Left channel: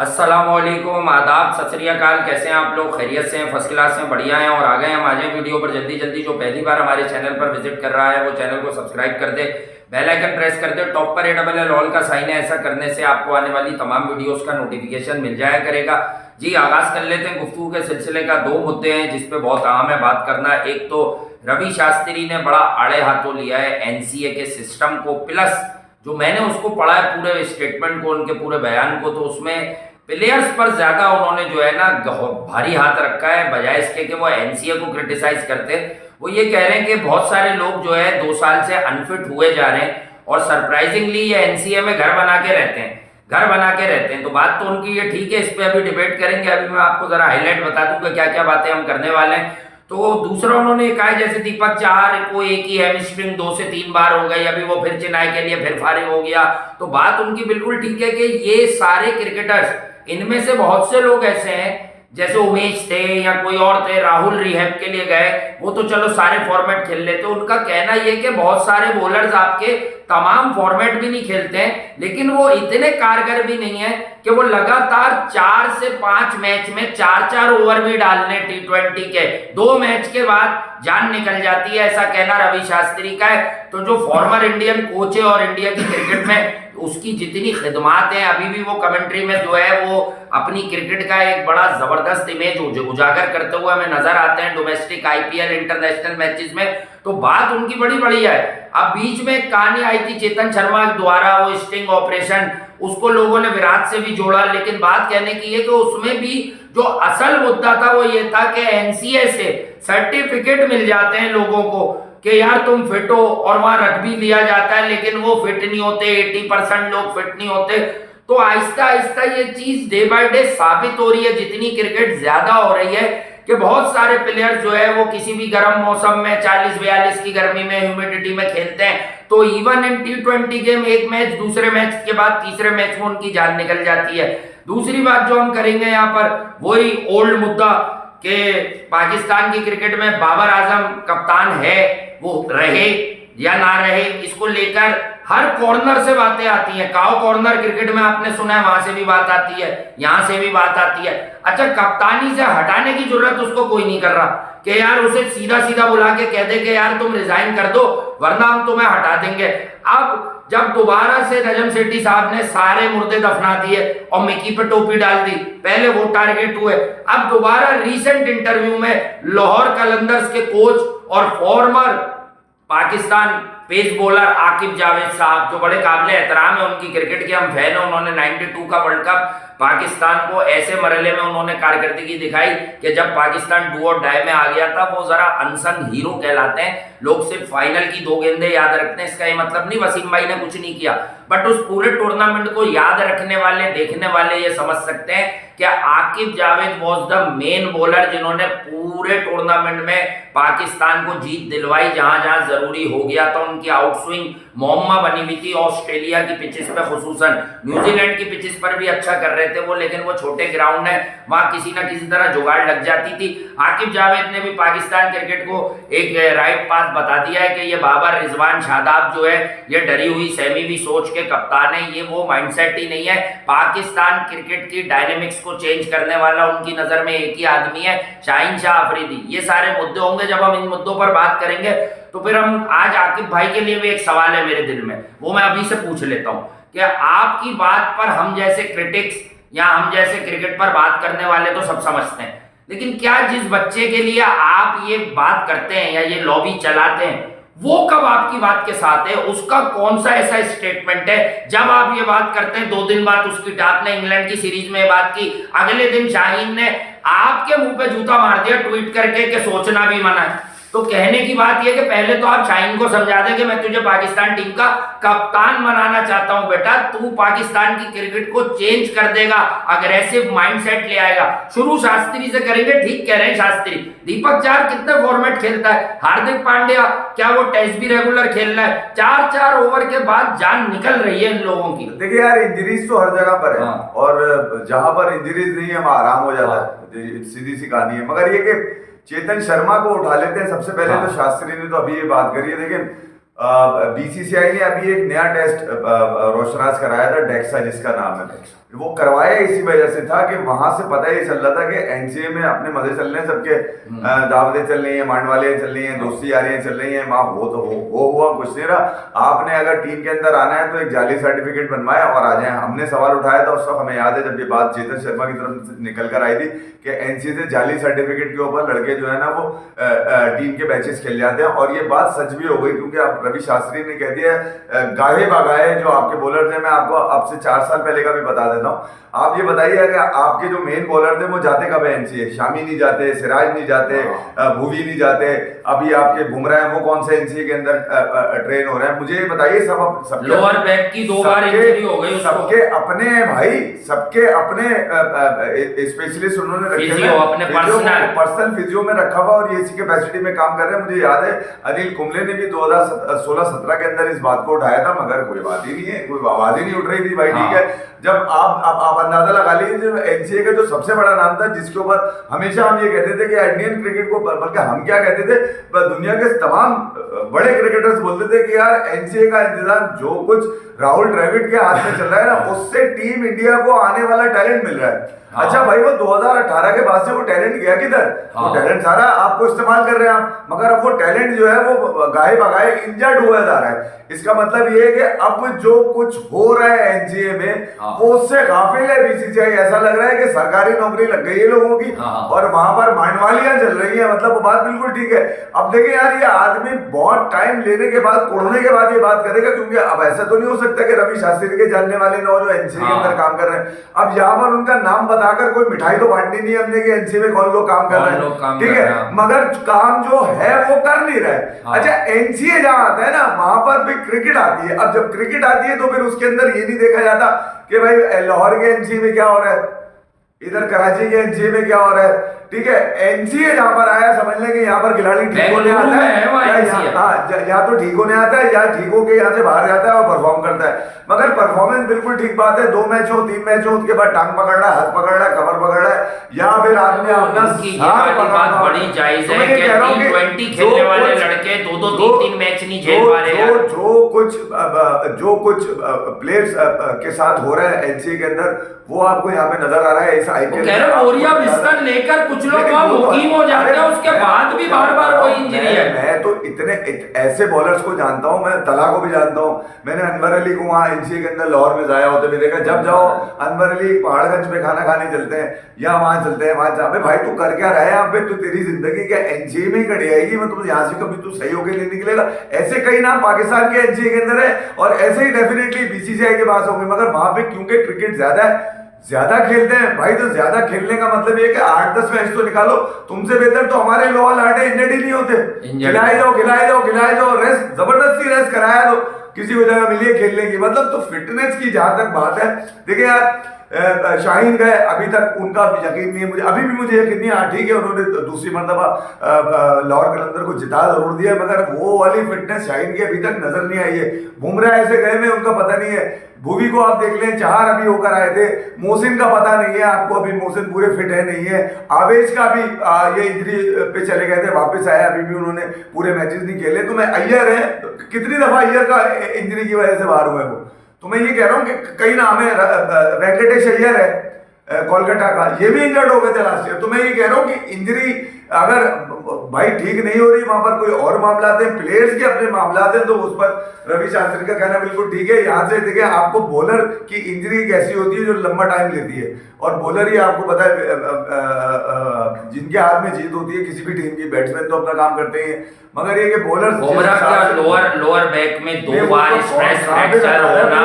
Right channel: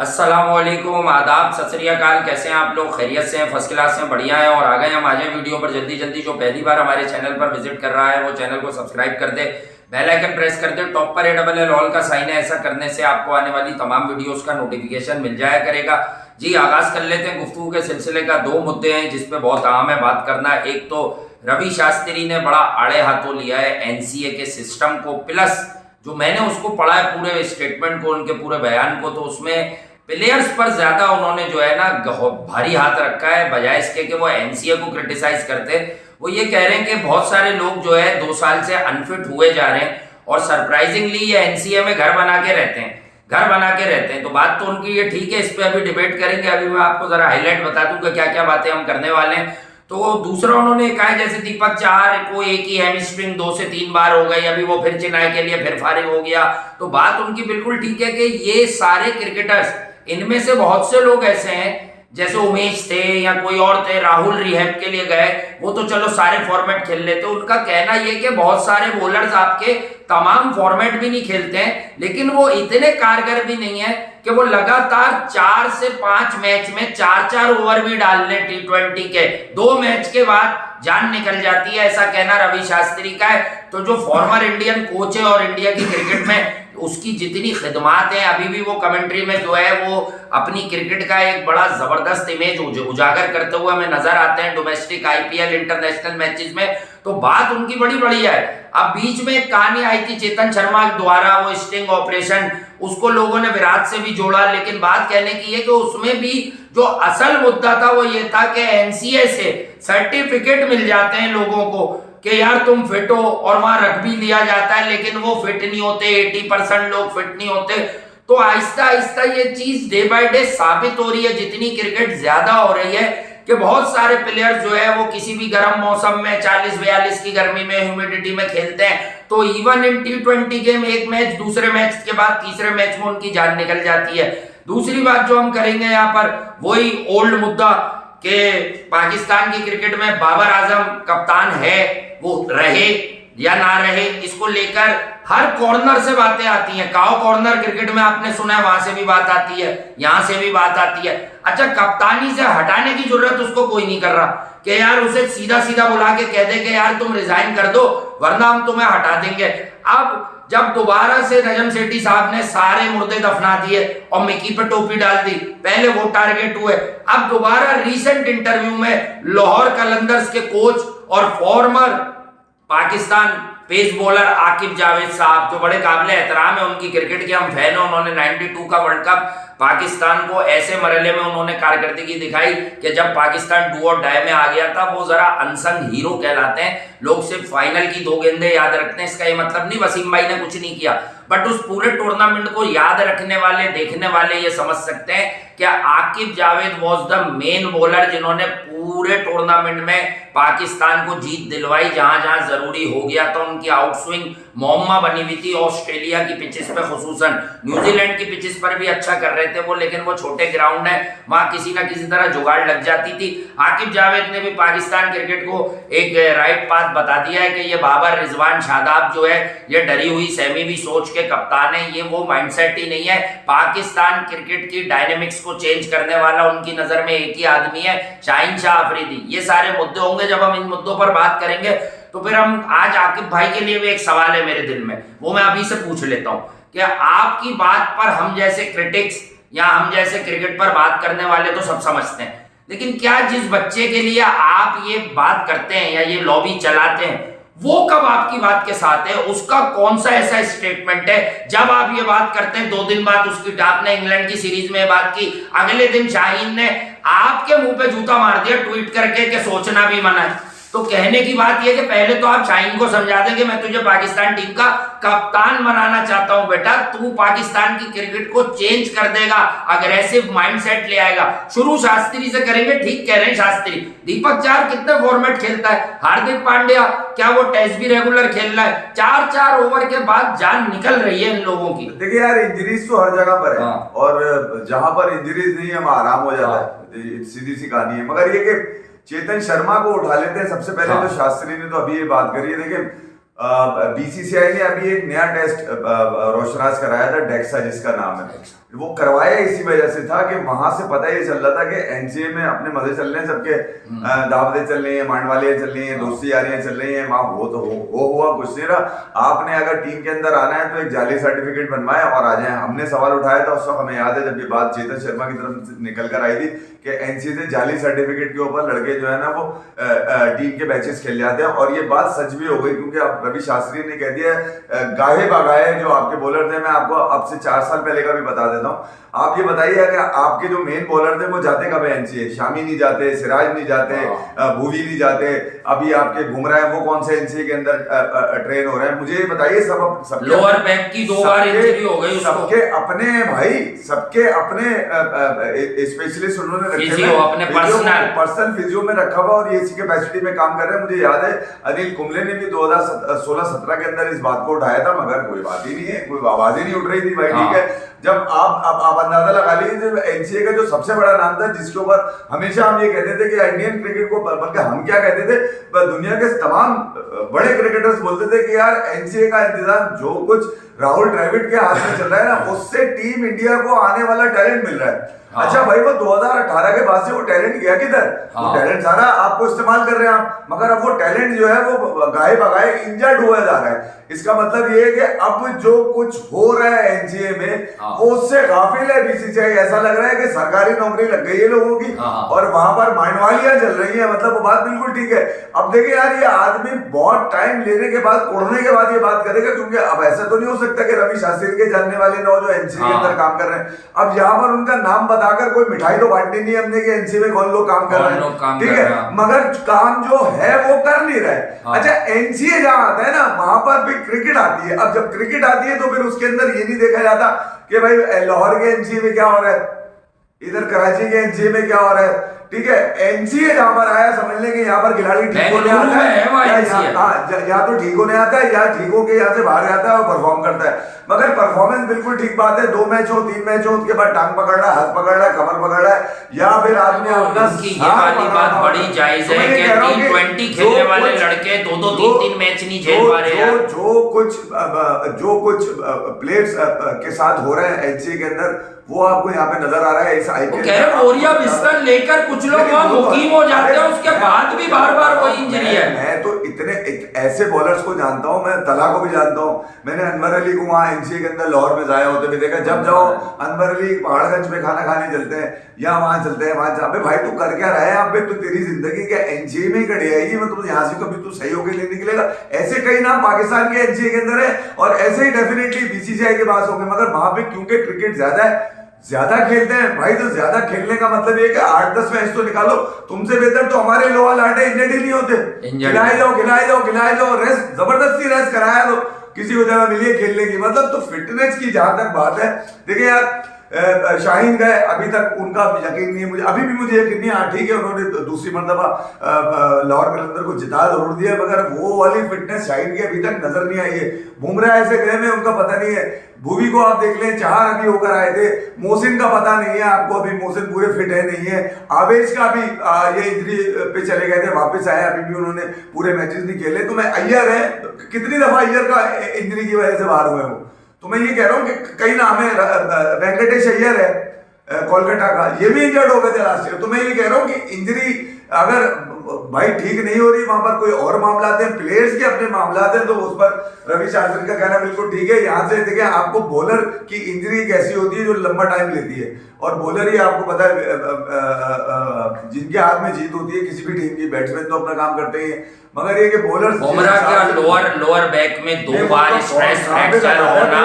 अस्सलामुअलैकुम, आदाब, सत श्री अकाल। कैसे हैं आप लोग? खैरियत से हैं? फर्स्ट क्लास से बढ़िया हैं। और आ गए हम आज वीडियो पर जल्दी जल्दी। जो पहली बार हमारे चैनल पर विजिट कर रहा है वो चैनल को सब्सक्राइब कर दे, बेल आइकन प्रेस कर दे, टॉप पर ALL ऑल का साइन है। ऐसा करने से आपको आने वाली तमाम वीडियोस का नोटिफिकेशन मिल जाया करेगा। जी, आगाज कर लेते हैं गुफ्तगू के सिलसिले का। दो मुद्दे हैं जिसपे बहुत अहम है बात करना। एक तो रवि शास्त्री ने बड़ा आड़े हाथों लिया है NCA के सिस्टम को, प्लस जो मैंने उसको पढ़ा है पूरे स्टेटमेंट को, उनके पूरे बयान को, तो उसमें प्लेयर्स पर ज्यादा उन्होंने जो है ना भारी हाथ रखा है, बजाय इसके कि वो NCA को क्रिटिसाइज करते। वो ये कह रहे हैं कि बहुत सारे लोग जो है 2 साल से अनफिट हुए जा रहे हैं और सरप्राइजिंगली ये NCA में घर बना के रहते हैं, घर बना के रहते हैं। तो बात तो उनकी ये ठीक है, इस पे अभी डिबेट करेंगे। अभी मैं आपको जरा हाईलाइट बता दूं कि क्या क्या बातें हम करने वाले हैं। तो दूसरा उन्होंने कहा है जैसे दीपक चाहर को एक ही हैमस्ट्रिंग 2 से 3 बार हो गई, अभी वो फिर चेन्नई के लिए फिर फारिग हो गया। तो बात उनकी बिल्कुल ठीक है कि ये सारे क्रिकेटर्स, इनमें से बहुत से लोग ऐसे हैं जैसे उमेश थे या कोई और थे, राहुल रिहैब के लिए गए, वो तो चलो सारे फॉर्मेट खेल लेते। उनका कहना यह कि बहुत सारे बॉलर्स आपके तमाम फॉर्मेट भी नहीं खेलते हैं, लेकिन वो इतने कारगर भी नहीं है कि वो लगातार 4 से 5 मैच में 4-4 ओवर भी डाल लें T20 के। 2 मैच के बाद जान निकल जाती है, ऐसा कहना रवि शास्त्री का है। तो जो फॉर्मर इंडियन कोच है और इंडिया की क्रिकेट में उसकी जितनी खिदमात है, अभी भी वो कमेंट्री में जो है वो अपनी क्रिकेट का एक बड़ा जबरदस्त इमेज उजागर करते हुए हमें नजर आते हैं डोमेस्टिक IPL इंटरनेशनल मैचेस में। तो बात उनकी बड़ी बढ़िया है। अब बीच में एक कहानी आई थी चेतन शर्मा द्वारा, वो स्टिंग ऑपरेशन, उसको लोगों ने विराट से भी जोड़ा, लेकिन बात कहने की है कि उसमें भी जो असल मुद्दा था वो ये था कि NCA से सर्टिफिकेट मिल जाते हैं लोगों को कि यार तुम फिट हो, और वहां रख भी लिया जाता है, लेकिन वो फिट नहीं होते, 80% लोग फिट नहीं होते। तो आहिस्ता आहिस्ता ये चीज डे बाय डे साबित हो रही है, जितनी क्रिकेट ज्यादा हो रही है, कि बहुत सारे प्लेयर्स जो है वो किसी भी गर्म मौसम में 40-42 की गर्मी में ह्यूमिडिटी में खेलते हैं। तो इवन इन T20 गेम एक मैच दूसरे मैच के बाद तीसरे मैच में उनकी जान निकल जाती है। दूसरी बात जो हम करेंगे यहाँ पर, वही ओल्ड मुद्दा कि पाकिस्तान की क्रिकेट में बाबर आजम कप्तान है, वो रहे या ना रहे, इसको लेकर हर कॉर्नर से बातें आती हैं। काओ कॉर्नर क्रिकेट में आपने सुना है, वहां से भी बात आती है, यहां से भी बात आती है। अच्छा, कप्तानी से हटाने की जरूरत उसको कोई नहीं कर रहा कि यार उसे सीधा सीधा बुला के कह दे कि यार तुम रिजाइन कर दो वरना हम तुम्हें हटा देंगे। अब जब दोबारा से नजम सेठी साहब ने सारे मुर्दे दफना दिए और मिकी पे टोपी डाल दी, पहले वो टारगेट हुए, अब दोबारा रीसेंट इंटरव्यू में लाहौर कलंदर्स के कोच और former Pakistan pace bowler Aaqib Javed साहब, जो बड़े काबिल एहतराम है, उनकी क्रिकेट के हम फैन हैं, उन्होंने 92 का वर्ल्ड कप पाकिस्तान को ऐसे मरहले में उन्होंने कारकर्दगी दिखाई कि जब पाकिस्तान डू और डाई में आ गया था, वो जरा अनसंग हीरो कहलाते हैं। लोग सिर्फ फाइनल की 2 गेंदें याद रखते हैं, इसका ये मतलब नहीं वसीम भाई ने कुछ नहीं किया, बट उस पूरे टूर्नामेंट को याद रखने वाले, देखने वाले ये समझ सकते हैं कि Aqib Javed was the main bowler जिन्होंने पूरे टूर्नामेंट में पाकिस्तान को जीत दिलवाई। जहां जहां जरूरी हो गया था उनकी आउटस्विंग मोहम्मा बनी हुई थी। ऑस्ट्रेलिया की पिचेस पे, खुसूसन न्यूजीलैंड की पिचेस पर भी अच्छा कर रहे थे वो, लेकिन वो छोटे ग्राउंड है, वहां किसी ना किसी तरह जुगाड़ लग जाती थी। आकिब जावेद ने भी पाकिस्तान क्रिकेट को एक राइट पाथ बता दिया है कि ये बाबर रिजवान शादाब जो है ये डरी हुई सहमी हुई सोच के कप्तान है, ये वो माइंडसेट ही नहीं है। पाकिस्तान क्रिकेट की डायनेमिक्स को चेंज करने वाला उनकी नजर में एक ही आदमी है, शाहीन शाह अफरीदी। ये सारे मुद्दे होंगे, जब हम इन मुद्दों पर बात करेंगे तो फिर हम आज आकिब भाई के लिए भी एक सवाल है मेरे दिल में, वो मैं अभी से पूछ लेता हूं कि आपकी बात पर हम जैसे क्रिटिक्स या हम जैसे क्रिकेट पर बात करने वाले तो सब समझते हैं, लेकिन क्या जिस बच्चे के लिए आप ये बात करते हैं या ये लॉबी चलाते हैं, वो कब आपकी बात के साथ है? उसका कौन सा ऐसा स्टेटमेंट है जब आप ये बात करते हैं? 2 दिन बाद उसकी आपने इंग्लैंड की सीरीज में बात की, अगले दिन शाहीन ने आपके मुंह पे जूता मार दिया ट्वीट करके कि सोचना भी मना है। तो कहने की बात यह कि पहले तो आप शाहीन को समझा दें कि मैं तुझे पाकिस्तान टीम का कप्तान बनाना चाहता हूं, बेटा तू पाकिस्तान की क्रिकेट को चेंज कर देगा, अग्रेसिव माइंडसेट ले आएगा। शुरू शास्त्री से करेंगे, ठीक कह रहे हैं शास्त्री। दीपक चाहर कितने फॉर्मेट खेलता है, हार्दिक पांड्या क्या वो टेस्ट भी रेगुलर खेल रहा है? 4-4 ओवर के बाद जान निकल रही है इन लोगों की। देखिए यार, इंजरीज तो हर जगह पर है, और जहां पर इंजरीज नहीं है वहां आराम हो जाता है, सीधी सी कहानी है। मगर ये कि चेतन शर्मा को उठा लेते हैं सबसे पहले। तो शास्त्री ने तो अभी ये बात करी है, देखिए बीसीसीआई ने अभी एक नया टेस्ट रोशनास कराया था, डेक्सा जिसका नाम है, वो करवाया इसी वजह से था कि वहां से पता ये चल रहा था कि एनसीए में अपने मजे चल रहे हैं सबके, दावतें चल रही हैं, मांडवालियां चल रही हैं, दोस्ती यारियां चल रही हैं, वहां हो हुआ कुछ नहीं रहा। आपने अगर टीम के अंदर आना है तो एक जाली सर्टिफिकेट बनवाए और आ जाए। हमने सवाल उठाया था उस वक्त, हमें याद है जब ये बात चेतन शर्मा की तरफ से निकल कर आई थी कि एनसीए से जाली सर्टिफिकेट के ऊपर लड़के जो है ना वो टीम के मैचेस खेल जाते हैं, और ये बात सच भी हो गई क्योंकि अब रवि शास्त्री ने कह दिया गाहे बागाए जो आपके बॉलर थे। मैं आपको अब से 4 साल पहले का भी बता देता हूँ। आप ये बताइए अगर आपके जो मेन बॉलर थे वो जाते कब है एनसीए? शामी नहीं जाते, सिराज नहीं जाते, भुवी नहीं जाते, अभी आपके बुमराह हैं वो कौन से एनसीए के अंदर ट्रेन हो रहे हैं? मुझे ये बताइए। सब लोअर बैक की 2 बार इंजरी हो गई, सबके अपने हैं भाई, सबके अपने स्पेशलिस्ट उन्होंने रखे हैं, अपने पर्सनल फिजियो में रखा हुआ और ये इसी कैपेसिटी में काम कर रहे हैं। मुझे याद है अनिल कुंबले ने भी 2016-17 के अंदर इस बात को उठाया था, मगर कोई बात ही नहीं है, कोई आवाज ही नहीं उठ रही थी भाई। ठीक है, जब आप अंदाजा लगा लीजिए एनसीए का जो सबसे बड़ा नाम था जिसके ऊपर हमेशा हम ये कहते थे कि इंडियन क्रिकेट को, बल्कि हम क्या कहते थे, दुनिया के तमाम बड़े क्रिकेटर्स बोलते थे कि यार एनसीए का इंतजाम जो कुछ राहुल द्रविड़ के हाथ में चल रहा है ना, उससे टीम इंडिया को आने वाला टैलेंट मिल रहा है। अच्छा भाई, वो 2018 के बाद से वो टैलेंट गया किधर? वो टैलेंट सारा आपको इस्तेमाल कर रहे हैं आप, मगर अब वो टैलेंट जो है वो गाये बगाए इंजर्ड हुआ जा रहा है। इसका मतलब ये है कि अब जो कुछ हो रहा है एनसीए में वो उससे गाफिल है बीसीसीआई। ऐसा लग रहा है कि सरकारी नौकरी लग गई है लोगों की और वहां पर मांडवालियां चल रही है। मतलब वो बात बिल्कुल ठीक है। अब देखिए यार, ये आदमी बहुत टाइम लेने के बाद, कोड़ने के बाद ये बात करेगा, क्योंकि अब ऐसा तो नहीं हो सकता कि रवि शास्त्री के जानने वाले न हो जो एनसीए के अंदर काम कर रहे हैं। अब यहाँ पर उनका नाम बताकर कोई मिठाई तो बांटनी नहीं है हमने कि एनसीए में कौन लोग काम कर रहे हैं, ठीक है, मगर काम जो है वो कर नहीं रहे। अच्छा, एनसीए जहां आता है ना वहां पर भी क्रिकेट आती है। अब जब क्रिकेट आती है तो फिर उसके अंदर ये नहीं देखा जाता कि भाई लाहौर के एनसीए में क्या हो रहा है, इधर कराची के एनसीए में क्या हो रहा है, ठीक है। एनसीए जहां पर आया समझ लें कि यहाँ पर खिलाड़ी ठीक होने आता है, या तो ठीक होने आता है या ठीक होके यहाँ से बाहर जाता है और परफॉर्म करता है। मगर परफॉर्मेंस बिल्कुल ठीक बात है, 2 मैच हो 3 मैच हो उसके बाद टांग पकड़ रहा है, हाथ पकड़ रहा है, कमर पकड़ रहा है, या फिर आदमी अपना ये वाली बात बड़ी जायज है कि T20 खेलने वाले लड़के 2-2 3-3 मैच नहीं झेल पा रहे हैं। जो कुछ प्लेयर्स के साथ हो रहा है एनसीए के अंदर वो आपको यहाँ पे नजर आ रहा है। इस आईपीएल बोरिया बिस्तर लेकर कुछ लोग वहां मुकीम हो जाते हैं, उसके बाद भी बार बार वही इंजरी है। मैं तो इतने ऐसे बॉलर्स को जानता हूँ, मैं तला को भी जानता हूँ। मैंने अनवर अली को वहाँ एनसीए के अंदर लाहौर में जाया होते भी देखा। जब जाओ अनवर अली पहाड़गंज में खाना खाने चलते हैं या वहां चलते हैं, वहां जाते भाई तू कर क्या रहा है यहाँ पे, तू तेरी जिंदगी क्या एनसीए में ही कट जाएगी, मतलब यहाँ से कभी तू सही होके नहीं निकलेगा। ऐसे कई नाम पाकिस्तान के एनसीए के अंदर है और ऐसे ही डेफिनेटली बीसीसीआई के पास होंगे, मगर वहां पे क्योंकि क्रिकेट ज्यादा खेलते हैं भाई, तो ज्यादा खेलने का मतलब ये कि 8-10 मैच तो निकालो। तुमसे बेहतर तो हमारे लोअर लाटे इंजर्ड ही नहीं होते। खिलाए जाओ, रेस्ट जबरदस्ती रेस्ट कराया दो, किसी को जगह मिली है खेलने की। मतलब तो फिटनेस की जहां तक बात है, देखिए यार शाहीन गए, अभी तक उनका यकीन नहीं है मुझे, अभी भी मुझे यकीन नहीं है। ठीक है, उन्होंने दूसरी मरतबा लाहौर कलंदर को जिता जरूर दिया, मगर वो वाली फिटनेस शाहीन की अभी तक नजर नहीं आई है। बुमराह ऐसे गए में उनका पता नहीं है, भुवी को आप देख लें, 4 अभी होकर आए थे, मोहसिन का पता नहीं है आपको, अभी मोहसिन पूरे फिट है नहीं है। आवेश का भी ये इंजरी पे चले गए थे, वापस आए, अभी भी उन्होंने पूरे मैचेस नहीं खेले। तो मैं अय्यर है, कितनी दफा अय्यर का इंजरी की वजह से बाहर हुए वो, तो मैं ये कह रहा हूँ कि कई नाम है, वेंकटेश अय्यर है कोलकाता का, ये भी इंजर्ड हो गए थे लास्ट ईयर। तो मैं ये कह रहा हूँ कि इंजरी अगर भाई ठीक नहीं हो रही, वहां पर कोई और मामला हैं, प्लेयर्स के अपने मामला हैं, तो उस पर रवि शास्त्री का कहना बिल्कुल ठीक है। यहाँ से देखिए आपको बॉलर की इंजरी कैसी होती है जो लंबा टाइम लेती है, और बॉलर ही आपको पता है जिनके हाथ में जीत होती है किसी भी टीम की। बैट्समैन तो अपना काम करते हैं, मगर ये कि बॉलर बुमराह क्या लोअर बैक में 2 बार स्ट्रेस फ्रैक्चर होना,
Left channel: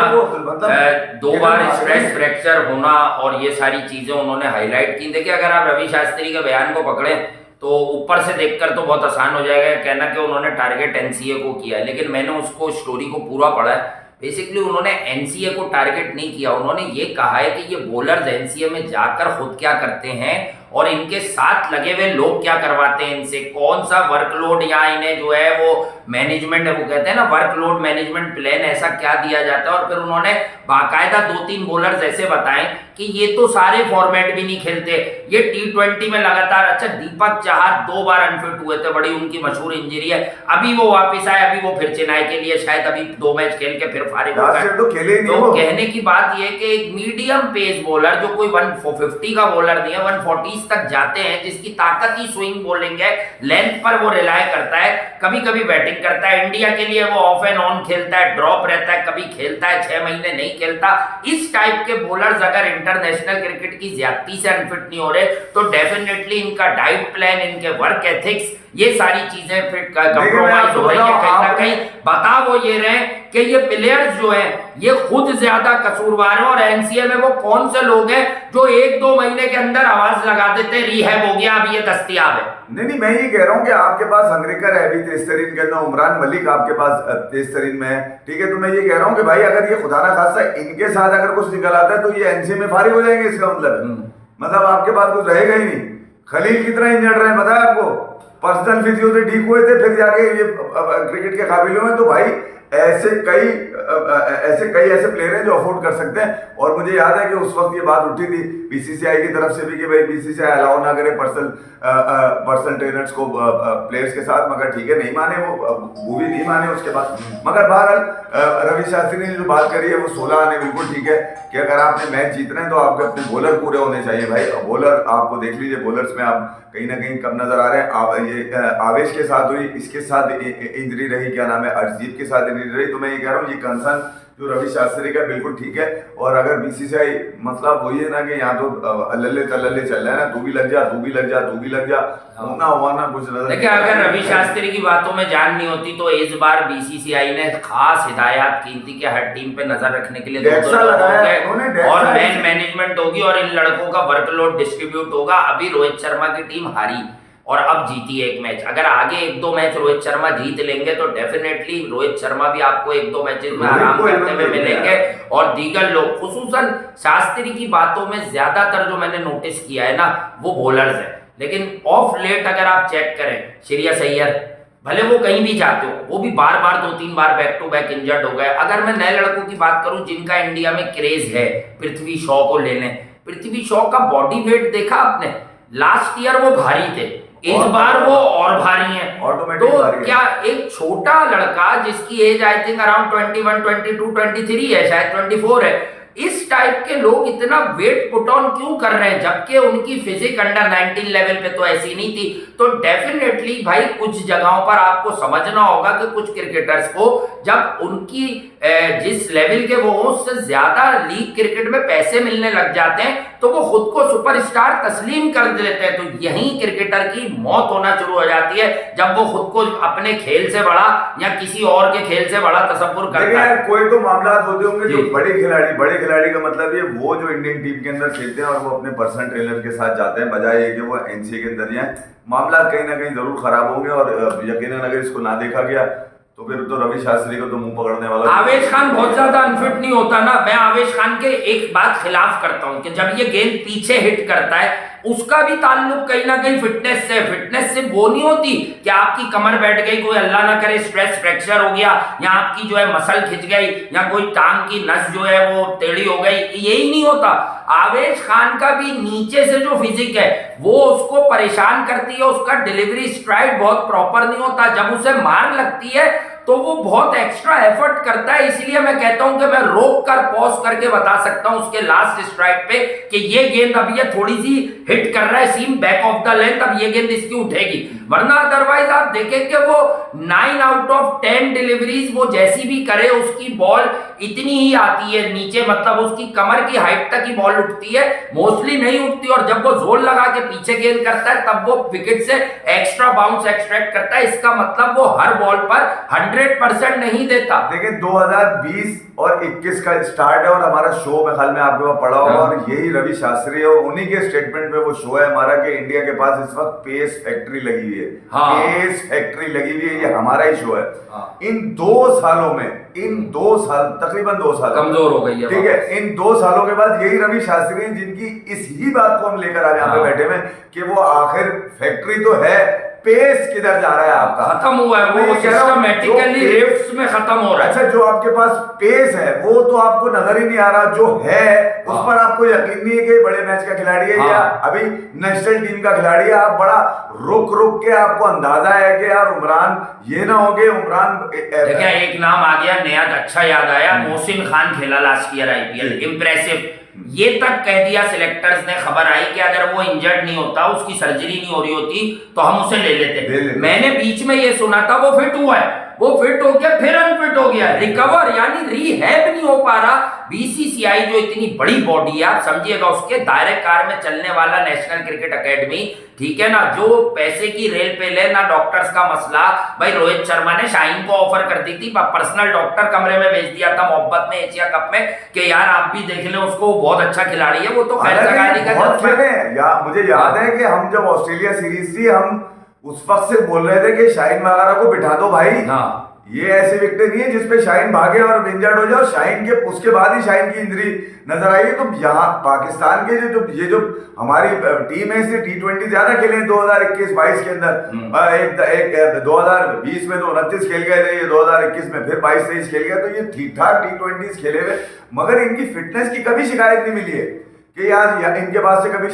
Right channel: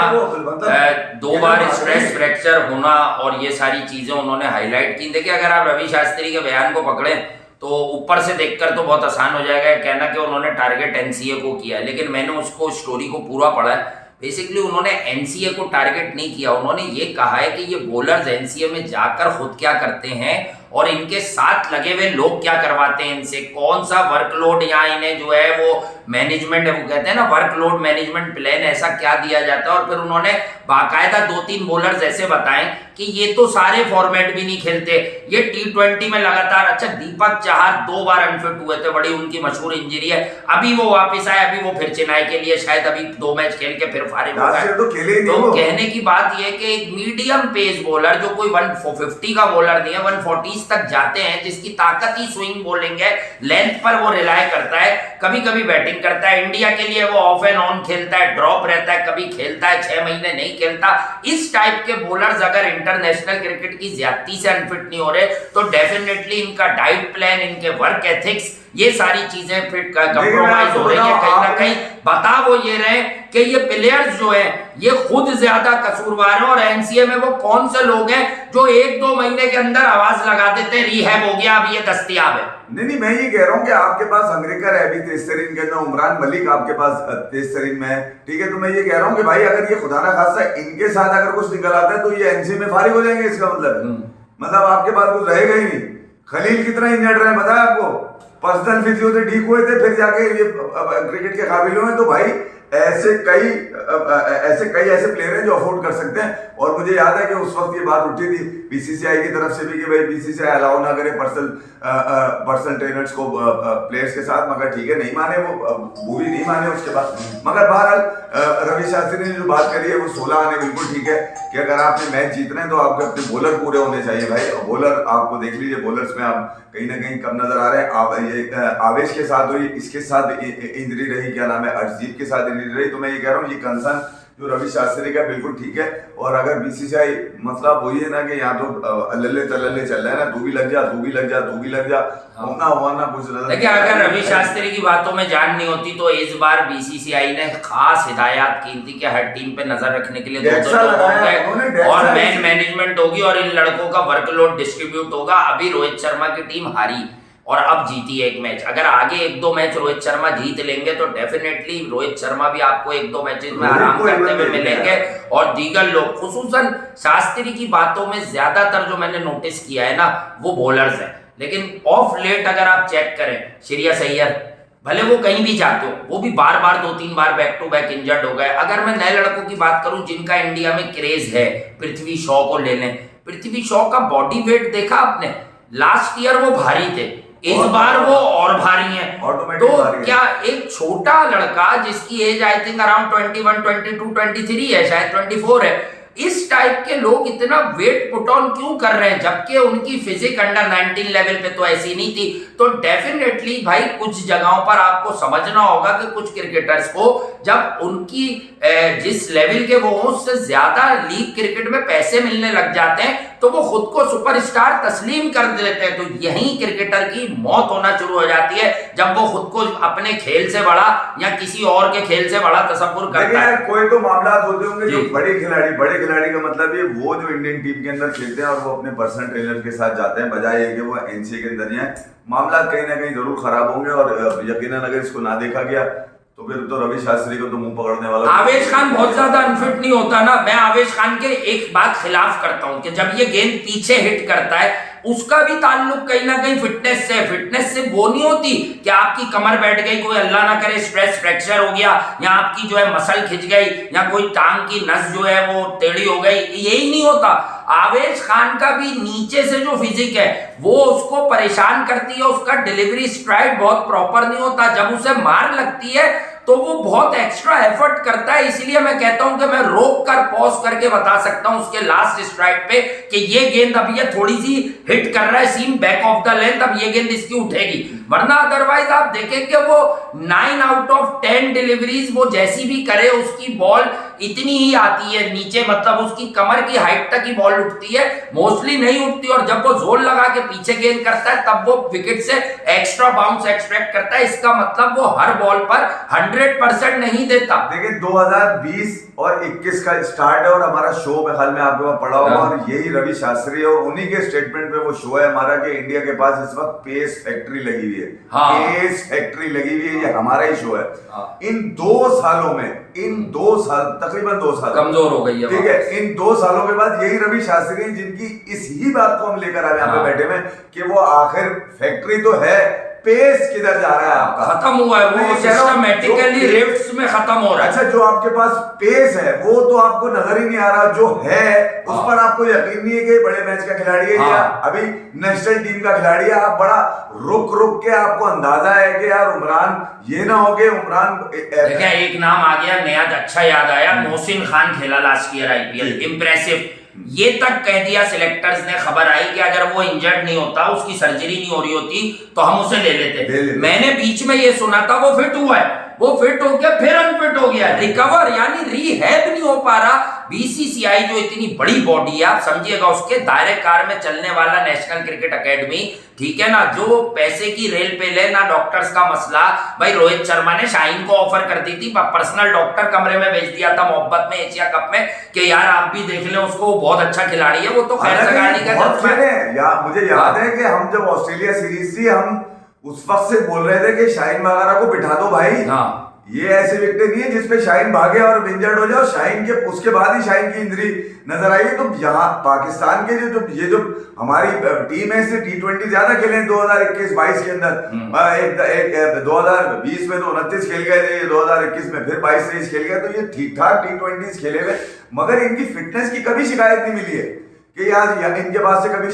2 बार स्ट्रेस फ्रैक्चर होना, और ये सारी चीजें उन्होंने हाईलाइट की। देखिए अगर आप रवि शास्त्री के बयान को पकड़े तो ऊपर से देखकर तो बहुत आसान हो जाएगा कहना कि उन्होंने टारगेट एनसीए को किया है, लेकिन मैंने उसको स्टोरी को पूरा पढ़ा है। बेसिकली उन्होंने एनसीए को टारगेट नहीं किया, उन्होंने ये कहा है कि ये बॉलर्स एनसीए में जाकर खुद क्या करते हैं, और इनके साथ लगे हुए लोग क्या करवाते हैं इनसे, कौन सा वर्कलोड यहाँ इन्हें जो है वो मैनेजमेंट, वो कहते हैं ना वर्कलोड मैनेजमेंट प्लान, ऐसा क्या दिया जाता है। और फिर उन्होंने बाकायदा 2-3 बॉलर्स ऐसे बताएं कि ये तो सारे फॉर्मेट भी नहीं खेलते, ये T20 में लगातार, अच्छा दीपक चाहर 2 बार अनफिट हुए थे, बड़ी उनकी मशहूर इंजरी है, अभी वो वापस आए, अभी वो फिर चेन्नई के लिए शायद अभी 2 मैच खेल के फिर फारिग हो गए। तो कहने की बात ये कि एक मीडियम पेस बॉलर जो कोई 150 का बॉलर नहीं है, 140 तक जाते हैं, जिसकी ताकत ही स्विंग बॉलिंग है, लेंथ पर वो रिलाय करता है, कभी कभी बैटिंग करता है, इंडिया के लिए वो ऑफ एंड ऑन खेलता है, ड्रॉप रहता है, कभी खेलता है, 6 महीने नहीं खेलता। इस टाइप के बॉलर्स अगर इंटरनेशनल क्रिकेट की ज्यादती से अनफिट नहीं हो रहे तो डेफिनेटली इनका डाइट प्लान, इनके वर्क एथिक्स, ये सारी चीजें फिर कंप्रोमाइज हो रही है कहीं ना कहीं। बता वो ये रहे कि ये प्लेयर्स जो हैं ये खुद ज्यादा कसूरवार हैं, और एनसीए में वो कौन से लोग हैं जो 1-2 महीने के अंदर आवाज लगा देते हैं रिहैब हो गया, अब ये दस्तयाब है। नहीं, मैं ये कह रहा हूँ कि आपके पास अंग्रेकर है अभी तेज तरीन के अंदर, उमरान मलिक आपके पास तेज तरीन में है, ठीक है। तो मैं ये कह रहा हूँ कि भाई अगर ये खुदा ना खास्ता इनके साथ अगर कुछ निकल आता है तो ये एनसीए में फारिग हो जाएंगे, इसका मतलब आपके पास कुछ रहेगा ही नहीं। खलील कितना ही नट रहे हैं बताया आपको, पर्सनल फिजियो से ठीक हुए थे, फिर जाके ये क्रिकेट के काबिल हुए। तो भाई ऐसे कई ऐसे प्लेयर हैं जो अफोर्ड कर सकते हैं। और मुझे याद है कि उस वक्त ये बात उठी थी बीसीसीआई की तरफ से भी कि भाई बीसीसीआई अलाउ ना करे पर्सनल ट्रेनर्स को प्लेयर्स के साथ, मगर ठीक है नहीं माने, वो भी नहीं माने उसके बाद। मगर बहरहाल रवि शास्त्री ने जो बात करी है वो 16 आने बिल्कुल ठीक है कि अगर आपने मैच जीतना है तो आपके अपने बॉलर पूरे होने चाहिए भाई। बॉलर आपको देख लीजिए, बॉलर्स में आप कहीं ना कहीं कम नजर आ रहे हैं। ये आवेश के साथ हुई, इसके साथ इंजरी रही, क्या नाम है, अर्शदीप के साथ इंजरी रही। तो मैं ये कह रहा हूँ ये कंसर्न जो रवि शास्त्री का बिल्कुल ठीक है। और अगर बीसीसीआई मतलब वही है ना कि यहाँ तो अल्ले तल्ले चल रहा है ना, तू भी लग जा, तू भी लग जा, तू भी लग जा, होना हुआ ना कुछ। देखिए अगर रवि शास्त्री की बातों में जान नहीं होती तो इस बार बीसीसीआई ने खास हिदायत की थी कि हर टीम पे नजर रखने के लिए 2 लोग होंगे और मैन मैनेजमेंट होगी और इन लड़कों का वर्कलोड डिस्ट्रीब्यूट होगा। अभी रोहित शर्मा की टीम हारी और अब जीती एक मैच, अगर आगे 1-2 मैच रोहित शर्मा जीत लेंगे तो डेफिनेटली रोहित शर्मा भी आपको 1-2 मैचेस में आराम करते हुए मिलेंगे। और दीगर लोग, खुसूसन शास्त्री की बातों में ज्यादातर जो मैंने नोटिस किया है ना वो बॉलर्स हैं, लेकिन ऑफ लेट अगर आप चेक करें, श्रेयस अय्यर भले वो कहीं भी जाते हो, वो भी बार 2-3 बार बैक टू बैक इंजर्ड हो गए। अगर मैं नए लड़कों की बात करूं जिनका इंडिया में क्रेज है, पृथ्वी शॉ को ले लें। पृथ्वी शॉ का बॉडी वेट देखा आपने, लास्ट ईयर वो भारी थे, इस बार वो और भारी हैं। तो क्या एक छोटा लड़का जिसकी एज आई थिंक अराउंड 21, 22, 23 है, शायद 24 है, इस टाइप के लोग इतना वेट पुट ऑन क्यों कर रहे हैं जबकि उनकी फिजिक अंडर 19 लेवल पे तो ऐसी नहीं थी। तो डेफिनेटली भाई कुछ जगहों पर आपको समझना होगा कि कुछ क्रिकेटर्स को जब उनकी जिस लेवल के वो उससे ज्यादा लीग क्रिकेट में पैसे मिलने लग जाते हैं तो वो खुद को सुपरस्टार तस्लीम कर देते हैं। तो यही क्रिकेटर की मौत होना शुरू हो जाती है जब वो खुद को अपने खेल से बड़ा या किसी और के खेल से बड़ा तसव्वुर करता है। कोई तो मामला होते होंगे जो बड़े खिलाड़ी का मतलब ये वो जो इंडियन टीम के अंदर खेलते हैं और वो अपने पर्सनल ट्रेनर के साथ जाते हैं, बजाय ये कि वो एनसीए के अंदर जाए, मामला कहीं ना कहीं जरूर खराब होंगे। और यकीनन अगर इसको ना देखा गया तो फिर तो रवि शास्त्री को तो मुंह पकड़ने वाला। आवेश खान बहुत ज्यादा अनफिट नहीं होता ना, मैं आवेश खान के एक बात खिलाफ करता हूं कि जब ये गेंद पीछे हिट करता है उसका भी ताल्लुक कहीं ना कहीं फिटनेस से। फिटनेस से वो नहीं होती कि आपकी कमर बैठ गई, कोई अल्लाह ना करे स्ट्रेस फ्रैक्चर हो गया, या आपकी जो है मसल खिंच गई, या कोई टांग की नस जो है वो टेढ़ी हो गई, यही नहीं होता। आवेश खान का भी नीचे से जो फिजिक है वो उसको परेशान करती है, उसका डिलीवरी स्ट्राइड बहुत प्रॉपर नहीं होता, जब उसे मार लगती है तो वो बहुत एक्स्ट्रा एफर्ट करता है। इसलिए मैं कहता हूं कि मैं रोक कर पॉज करके बता सकता हूं उसके लास्ट स्ट्राइक पे कि ये गेंद अब ये थोड़ी सी हिट कर रहा है सीम बैक ऑफ द लेंथ, अब ये गेंद इसकी उठेगी। वरना अदरवाइज आप देखें कि वो 9 आउट ऑफ 10 डिलीवरीज वो जैसी भी करे उसकी बॉल इतनी ही आती है नीचे, मतलब उसकी कमर की हाइट तक ही बॉल उठती है, मोस्टली नहीं उठती। और जब वो जोर लगा के पीछे गेंद करता है तब वो विकेट से एक्स्ट्रा बाउंस एक्सट्रैक्ट करता है। इसका मतलब वो हर बॉल पर 100% नहीं देता। देखिए 2020 और 21 का स्टार्ट है और हमारा शो में ख्याल में आपके पास पड़ा होगा और यही रवि शास्त्री है और उन्हीं के स्टेटमेंट में वो शो है हमारा कि इंडिया के पास इस वक्त पेस फैक्ट्री लगी हुई है। पेस फैक्ट्री लगी हुई है, ये हमारा ही शो है। इन 2 सालों में इन 2 साल, तकरीबन 2 साल कमजोर हो गई है, ठीक है। इन 2 सालों के बाद यही रवि शास्त्री हैं जिनकी इस ही बात को हम लेकर आज यहाँ पे बैठे में कि वो आखिर फैक्ट्री तो है, पेस किधर जा रहा है आपका, खत्म हुआ है वो, सिस्टमैटिकली रिफ्ट्स में खत्म हो रहा है। अच्छा, जो आपके पास पेस है वो तो आपको नजर ही नहीं आ रहा, जो है उस पर आपको यकीन नहीं है कि बड़े मैच का खिलाड़ी है या अभी नेशनल टीम का खिलाड़ी है। आप बड़ा रुक के आपको अंदाजा है कि यार उमरान ये ना हो गए, उमरान देखिए एक नाम आ गया नया, अच्छा याद आया, मोहसिन खान खेला लास्ट ईयर आईपीएल, इंप्रेसिव। ये तक कह दिया सिलेक्टर्स ने, खबर आई कि अगर वो इंजर्ड नहीं होता, उसकी सर्जरी नहीं हो रही होती तो हम उसे ले लेते। मैंने बीच में ये सुना था वो फिट हुआ है, वो फिट हो गया फिर अनफिट हो गया, रिकवर यानी रीहैब नहीं हो पा रहा। बीसीसीआई जो इतनी बड़ी बॉडी है, आप समझिएगा, उसके दायरे कार में चलने वाला नेशनल क्रिकेट एकेडमी, ठीक है ना, जो पैसे की रेल पे ले ना, डॉक्टर्स का मसला। भाई रोहित शर्मा ने शाहीन को ऑफर कर दी थी, पर्सनल डॉक्टर कमरे में भेज दिया था मोहब्बत में एशिया कप में कि यार आप भी देख लें उसको, बहुत अच्छा खिलाड़ी है वो, तो खैर जगाली का मुझे याद है कि हम जब ऑस्ट्रेलिया सीरीज थी, हम उस वक्त से बोल रहे थे कि शाहीन वगैरह को बिठा दो भाई। ये ऐसी विकेट नहीं है जिसपे शाहीन भागे और इंजर्ड हो जाए, शाहीन के उसके बाद ही शाहीन की इंजरी नजर आई है। तो यहाँ पाकिस्तान के जो हमारी टीम है, इससे T20 ज्यादा खेले 2021-22 के अंदर, एक 2020 में तो 29 खेल गए थे, 2021 में फिर 22-23 खेल गए, तो ये ठीक ठाक T20 खेले हुए, मगर इनकी फिटनेस की कभी शिकायत नहीं मिली है कि यार इनके पास से कभी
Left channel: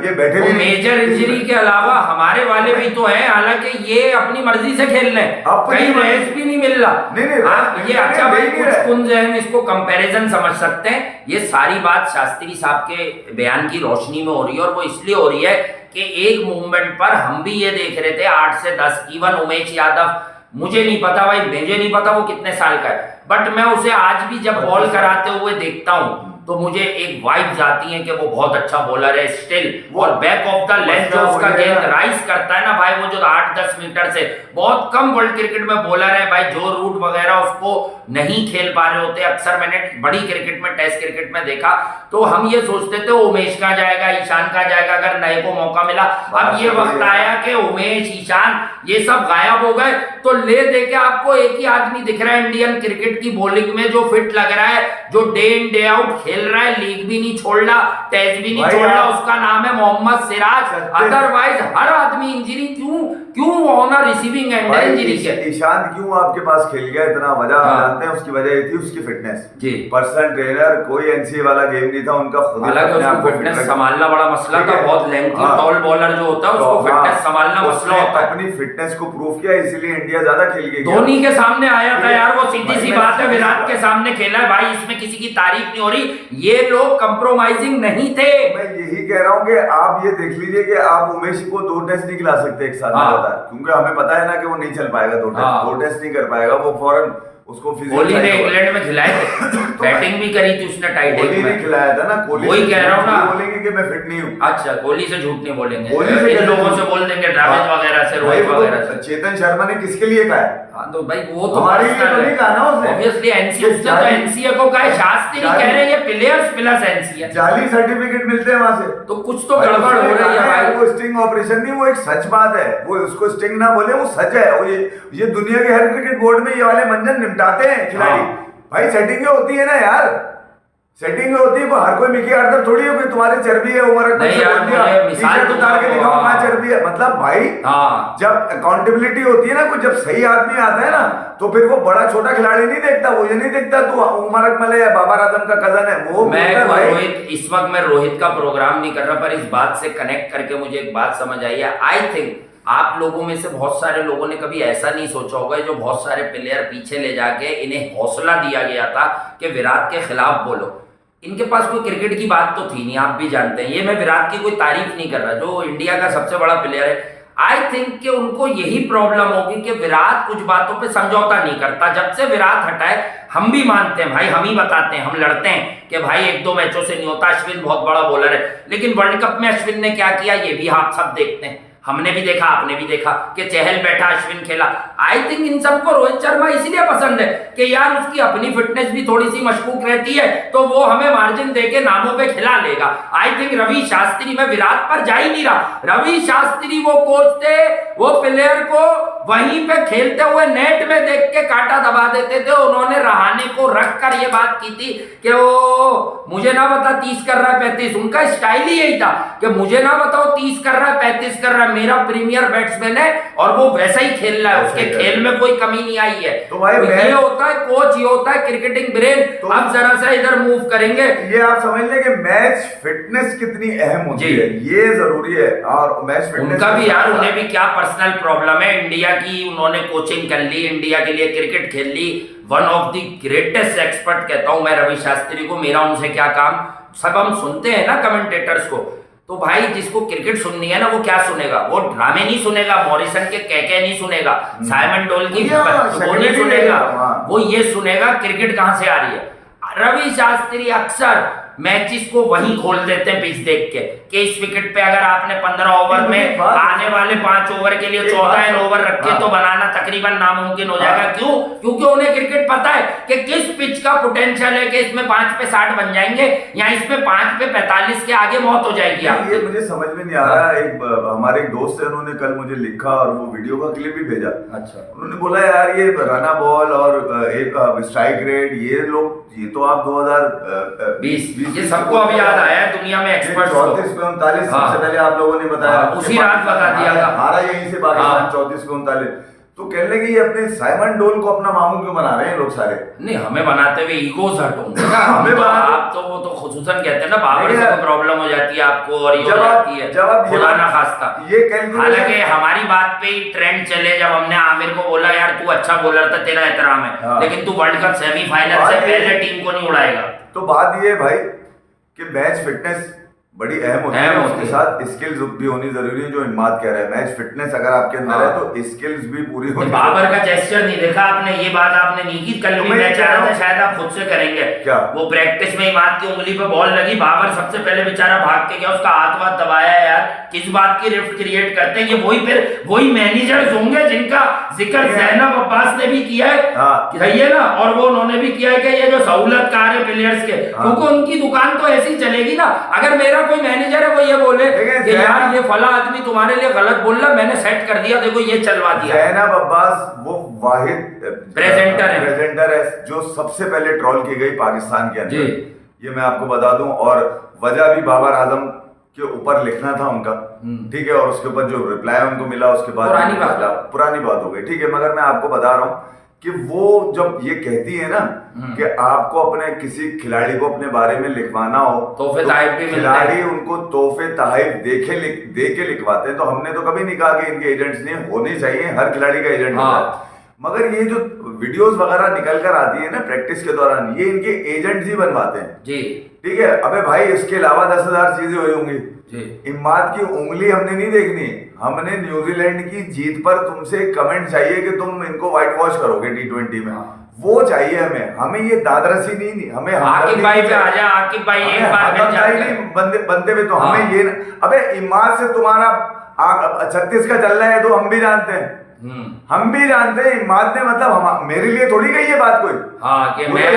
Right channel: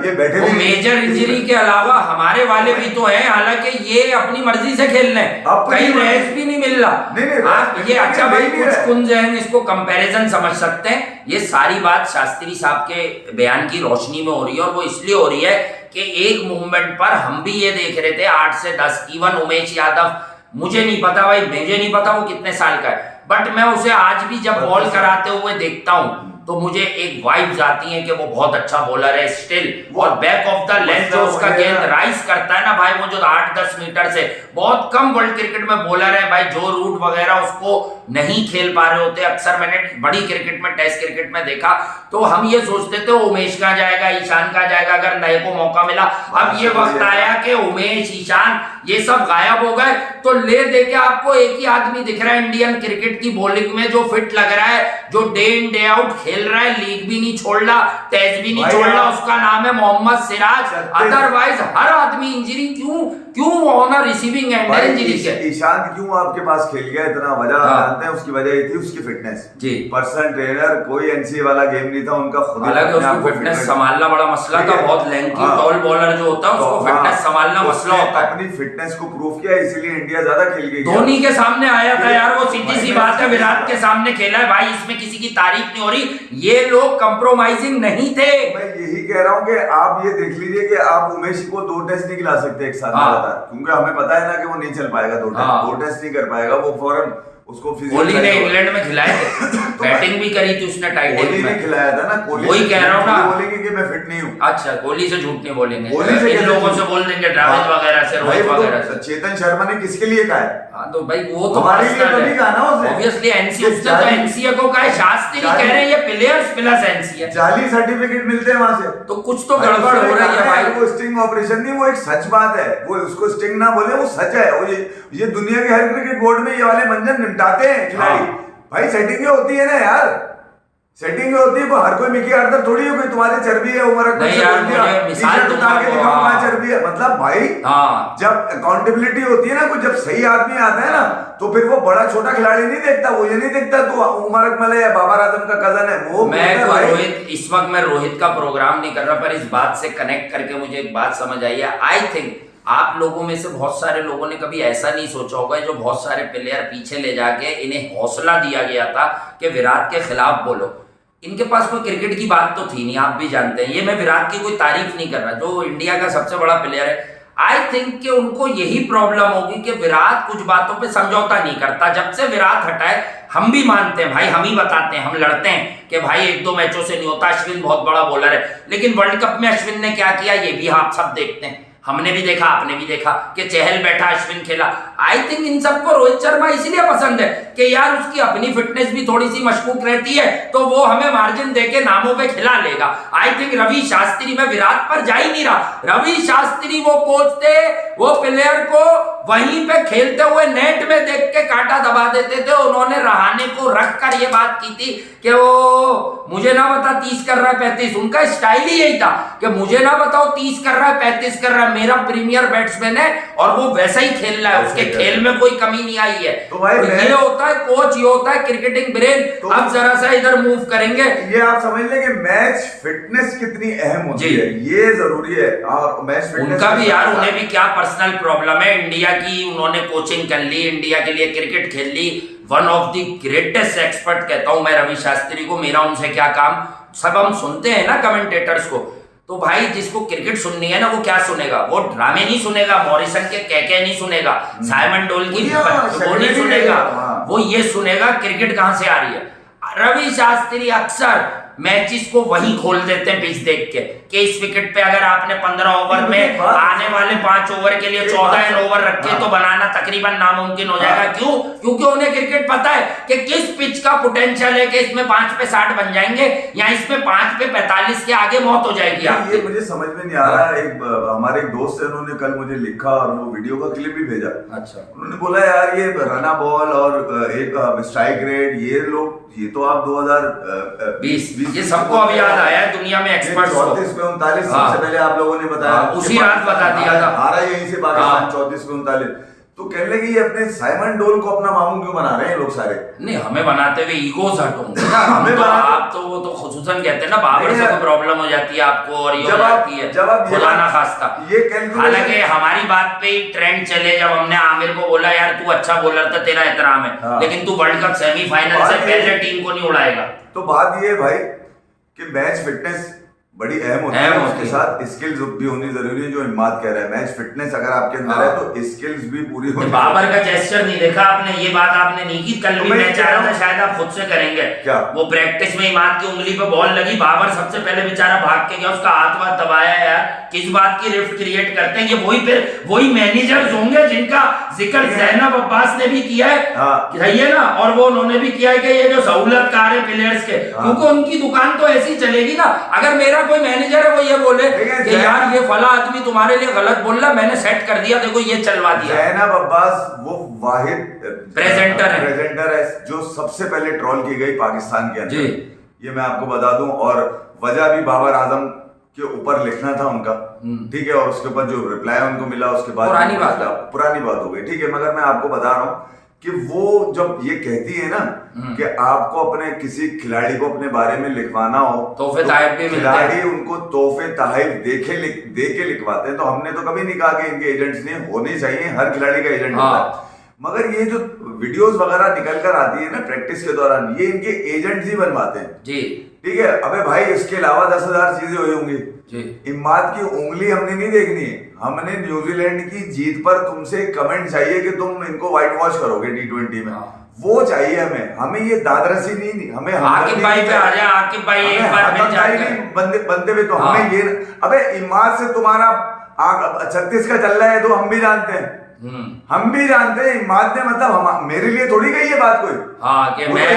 ये बैठे वो मेजर इंजरी के अलावा हमारे वाले भी तो हैं, हालांकि ये अपनी मर्जी से खेल रहे हैं, कहीं रेस्ट भी नहीं मिल रहा। नहीं, आप ये अच्छा भाई कुछ कुंज है, इसको कंपैरिजन समझ सकते हैं। ये सारी बात शास्त्री साहब के बयान की रोशनी में हो रही है, और वो इसलिए हो रही है कि एक मूवमेंट पर हम भी ये देख रहे थे 8 से 10, इवन उमेश यादव, मुझे नहीं पता भाई, मुझे नहीं पता वो कितने साल का है, बट मैं उसे आज भी जब बॉल कराते हुए देखता हूं तो मुझे एक वाइब्स आती हैं कि वो बहुत अच्छा बॉलर है स्टिल, और बैक ऑफ द लेंथ जो उसका गेंद राइज करता है ना भाई, वो जो 8-10 मीटर से, बहुत कम वर्ल्ड क्रिकेट में बॉलर है भाई जो रूट वगैरह उसको नहीं खेल पा रहे होते। अक्सर मैंने बड़ी क्रिकेट में, टेस्ट क्रिकेट में देखा, तो हम ये सोचते थे उमेश कहाँ जाएगा, ईशान कहाँ जाएगा अगर नए को मौका मिला। अब ये वक्त आया कि उमेश, ईशान ये सब गायब हो गए, तो ले दे के आपको एक ही आदमी दिख रहा है इंडियन क्रिकेट की बॉलिंग में जो फिट लग रहा है, जो डे इन डे आउट खेल रहा है, लीग भी नहीं छोड़ रहा, टेस्ट भी नहीं छोड़ रहा, उसका नाम है मोहम्मद सिराज। अदरवाइज हर आदमी इंजरी क्यों ऑन रिसीविंग एंड इंजरी के। ईशान क्यों आपके पास खेल गया इतना, वजह जानते हैं? उसकी वजह ये थी उसकी फिटनेस जी, पर्सनल ट्रेनर, कोई एनसीए वाला गेम नहीं था उनका, खुद हालांकि उसको फिटनेस संभालना बड़ा मसला था, बहुत लेंथी टॉल बॉलर जो होता है उसको फिटनेस संभालना मसला होता है। अपनी फिटनेस को प्रूव किया, इसीलिए इंडिया ज्यादा खेल गई। धोनी के सामने आया था यार, वो सीधी सी बात है, विराट के सामने खेला है भाई, इसमें किसी की तारीफ नहीं हो रही, ये लोग कंप्रोमाइजिंग नहीं थे। मैं यही कह रहा हूँ कि आप ये देख लीजिए कि आप उमेश को 2 टेस्ट नहीं खिला सकते एक साथ, क्योंकि हमें पता है ना कि वो नहीं चल पाएगा, 2 टेस्ट नहीं कर पाएगा वो, फौरन उसको कोहली ने इंग्लैंड में खिलाए थे, बैटिंग भी करी थी उसने टाइट एंड में, खिलाया था ना कोहली, वही कह रहा हूँ ना, बोलेंगे कि मैं फिट नहीं हूँ। अच्छा, कोहली से झूठ नहीं बोलेंगे, इन लोगों से बोल देंगे, ड्राविड वगैरह से, रोहित वगैरह से। चेतन शर्मा ने किसके लिए कहा है? हाँ तो भाई वो तो ऑब्वियसली एनसीए को कहा है, शास्त्री कह रहे हैं ये प्लेयर्स प्लस एनसीए, जाली सर्टिफिकेट मिलते हैं वहां से, तो कुछ तो गड़बड़ हो रही है भाई। वो स्टिंग ऑपरेशन नहीं, वो एक सच बात है, वो उसको स्टिंग ना बोले, वो सच है। वो ये दुनिया के हर क्रिकेट बोर्ड में ये वाले मंजन निपटाते हैं खिलाड़ी भाई, सेटिंग होती है ना यार, सेटिंग होती है, हर कोई मिकी आर्थर थोड़ी है, कोई तुम्हारी चर्बी है उम्र नहीं यार, मुझे मिसाल दूंगा वहां चर्बी है, मतलब भाई जब अकाउंटेबिलिटी होती है ना, कोई जब सही आदमी आता है ना, तो फिर वो बड़ा छोटा खिलाड़ी नहीं देखता, वो ये नहीं देखता तू उमर अकमल है, बाबर आजम का कजन है, वो रोहित, इस वक्त मैं रोहित का प्रोग्राम नहीं कर रहा, पर इस बात से कनेक्ट करके मुझे एक बात समझ आई है। आई थिंक आप लोगों में से बहुत सारे लोगों ने कभी ऐसा नहीं सोचा होगा, जो बहुत सारे प्लेयर पीछे ले जाके इन्हें हौसला दिया गया था कि विराट के खिलाफ बोलो, इनके पास कोई क्रिकेट की बात तो थी नहीं, आप भी जानते हैं। ये मैं विराट की कोई तारीफ नहीं कर रहा, जो इंडिया का सबसे बड़ा प्लेयर है, आई थिंक कि उनको यही प्रॉब्लम होगी कि विराट कुछ बातों पे समझौता नहीं करता। जब से विराट हटा है, हम भी मानते हैं भाई, हम ही बताते हैं, हम लड़ते हैं कि भाई 1-2 मैचों से नहीं होता, अश्विन बहुत बड़ा बॉलर है, लेकिन वर्ल्ड कप में अश्विन ने क्या किया ये भी आप सब देखते हैं। हमने भी देखा, आपने भी देखा कि चहल बैठा, अश्विन खेला। आई थिंक इन सबको रोहित शर्मा इसीलिए पसंद है कि यार उसकी अपनी फिटनेस भी थोड़ी सी मशकूक रहती है, तो वो हमें मार्जिन देके नामों पे खिला लेगा। आई थिंक रवि शास्त्री में विराट पर जा ही नहीं रहा। रवि शास्त्री वो कोच थे, वो प्लेयर को वहीं पे खेलते हुए नेट में देख के कांटा दबा देते थे। उन्होंने रहाणे को रख कर ये बात की थी कि वो मुझे ना बता 30 कर रहा है 35। उनका स्टाइल ही यही था कि मुझे ना बताओ 30 कर रहा है 35 कर रहा है, मेरा प्रीमियर बैट्समैन है और वो वैसा ही खेल रहा है, उसके खेल में कोई कमी नहीं आई है। तो भाई ये होता है कोच, ये होता है क्रिकेटिंग ब्रेन। तो अब जरा सा इधर मूव करेंगे, ये आप समझ लें कि मैच फिटनेस कितनी अहम होती है, ये जरूरी है। और मैच फिटनेस उनका भी यार, उन्हें भी क्या पर्सनल प्रॉब्लम है। इंडिया की उन्होंने कोचिंग कर ली, इंडिया के लिए क्रिकेट खेल ली। One of the greatest expert कहता हूं मैं रवि शास्त्री को। मेरा उनसे क्या काम, सब हम सुनते हैं ना कमेंटेटर्स को, तो भाई जिसको क्रिकेट सुननी है ना वो क्या सुनेगा, वो ड्रामे नहीं सुनेगा, मॉरिसन के कह नहीं सुनेगा, साइमन डोल की वो नहीं सुनेगा, वो ये सुनेगा क्रिकेट कहां से आ रही है। रवि शास्त्री अक्सर मैचेस को वहीं खोल देते हैं पिच देख के कि इस विकेट पे अगर आपने 15 ओवर में आने वाले 5 ओवर के लिए 14 ओवर रखे तो बनाना तकरीबन नामुमकिन हो जाएगा। क्यों? क्योंकि उन्हें क्रिकेट पता है कि किस पिच का पोटेंशियल है कि इसमें 5 पे 60 बन जाएंगे या इसमें 5 पे 45 के आगे मौत हो जाएगी आपकी। ये मुझे समझ में नहीं आ रहा। एक हमारे एक दोस्त है, उन्होंने कल मुझे लिखा और वो वीडियो का क्लिप भी भेजा। अच्छा, उन्होंने बोला यार ये रना बॉल और एक स्ट्राइक रेट, ये तो आप 2020 ये सबको अब याद आया है दुनिया में एक्सपर्ट्स को। 34 पे 39 सबसे पहले आप लोगों ने बताया, उसी रात बता दिया था, हारा यहीं से पाकिस्तान 34 पे 39। तो कहने लगे ये अपने साइमन डोल को अपना मामू क्यों बना रहे हैं लोग सारे? नहीं, हमें बनाते हुए ईगोज हट होंगे ना हमें तो, आप तो वो तो खुसूसन कहते हैं ना बाबर से कोई प्रॉब्लम हो जाती है आपको और ये हो जाती है, खुदा ना खास्ता। हालांकि हमारी बात पे ही ट्रेंड चले, जब हमने आमिर को बोला यार तू अच्छा बॉलर था, तेरा एहतराम है, लेकिन तू वर्ल्ड कप सेमीफाइनल से पहले टीम को नहीं उड़ाएगा। तो बात ये भाई कि मैच फिटनेस बड़ी अहम होती है, उसके साथ स्किल्स भी होनी जरूरी है। जो इम्माद कह रहा है मैच फिटनेस अगर आपके अंदर है तो स्किल्स भी पूरी होनी। बाबर का जेस्चर नहीं देखा आपने, ये बात आपने नहीं की। कल भी मैं चाह रहा था शायद आप खुद से करेंगे क्या, वो प्रैक्टिस में इमाद की उंगली पे बॉल लगी, बाबर सबसे पहले बेचारा भाग के गया, उसका हाथ वाथ दबाया। यार किस बात की रिफ्ट क्रिएट करते हैं ये? वही मैनेजर्स होंगे जिनका जिक्र जैनब अब्बास ने भी किया है, सही है ना, और वो उन्होंने भी किया है कि ये जो सहूलतकार है प्लेयर्स के, क्योंकि उनकी दुकान तो ऐसी चलेगी ना। अगर मेरा कोई मैनेजर है वो ये बोले कि यार ये फला आदमी तुम्हारे लिए गलत बोल रहा, मैंने सेट कर दिया, देखो ये चलवा दिया। जैनब अब्बास वो वाहिद प्रेजेंटर है जो सबसे पहले ट्रोल की गई पाकिस्तान के अंदर, ये मैं आपको बता दूं। और वजह भी बाबर आजम के ऊपर लिखना था उनका, ठीक है, और उसके ऊपर जो रिप्लाई उनको मिला उसके बाद पुरानी बात हो गई, ठीक है। मगर मैं आपको बता रहा हूँ कि वो जब ये कहती है ना कि आपको अपने किसी खिलाड़ी को अपने बारे में लिखवाना हो तोहफे तहफ भी मिलते हैं, खिलाड़ी उनको तोहफे तहफ दे के लिखवाते हैं। तो हमने तो कभी नहीं कहा कि इनके एजेंट्स नहीं होने चाहिए, हर खिलाड़ी का एजेंट होता है। मगर ये जो वीडियोस वगैरह निकल कर आती है ना प्रैक्टिस के दौरान, ये इनके एजेंट्स ही बनवाते हैं जी, ठीक है। अबे भाई इसके अलावा 10,000 चीजें हुई होंगी। इम्माद की उंगली हमने नहीं देखनी, हमने न्यूजीलैंड की जीत पर तुमसे कमेंट चाहिए कि तुम इनको व्हाइट वॉश करोगे T20 में, वो चाहिए हमें ये दादरसी नहीं, हमें आकिब भाई पे आ जा, आकिब भाई एक बार बनते हुए तो हमें ये अबे इम्माद से तुम्हारा 36 का चल रहा है तो हम भी जानते हैं, हम भी जानते हैं। इम्माद ने मतलब मेरे लिए थोड़ी कही ये बात कोई, हाँ कि मैं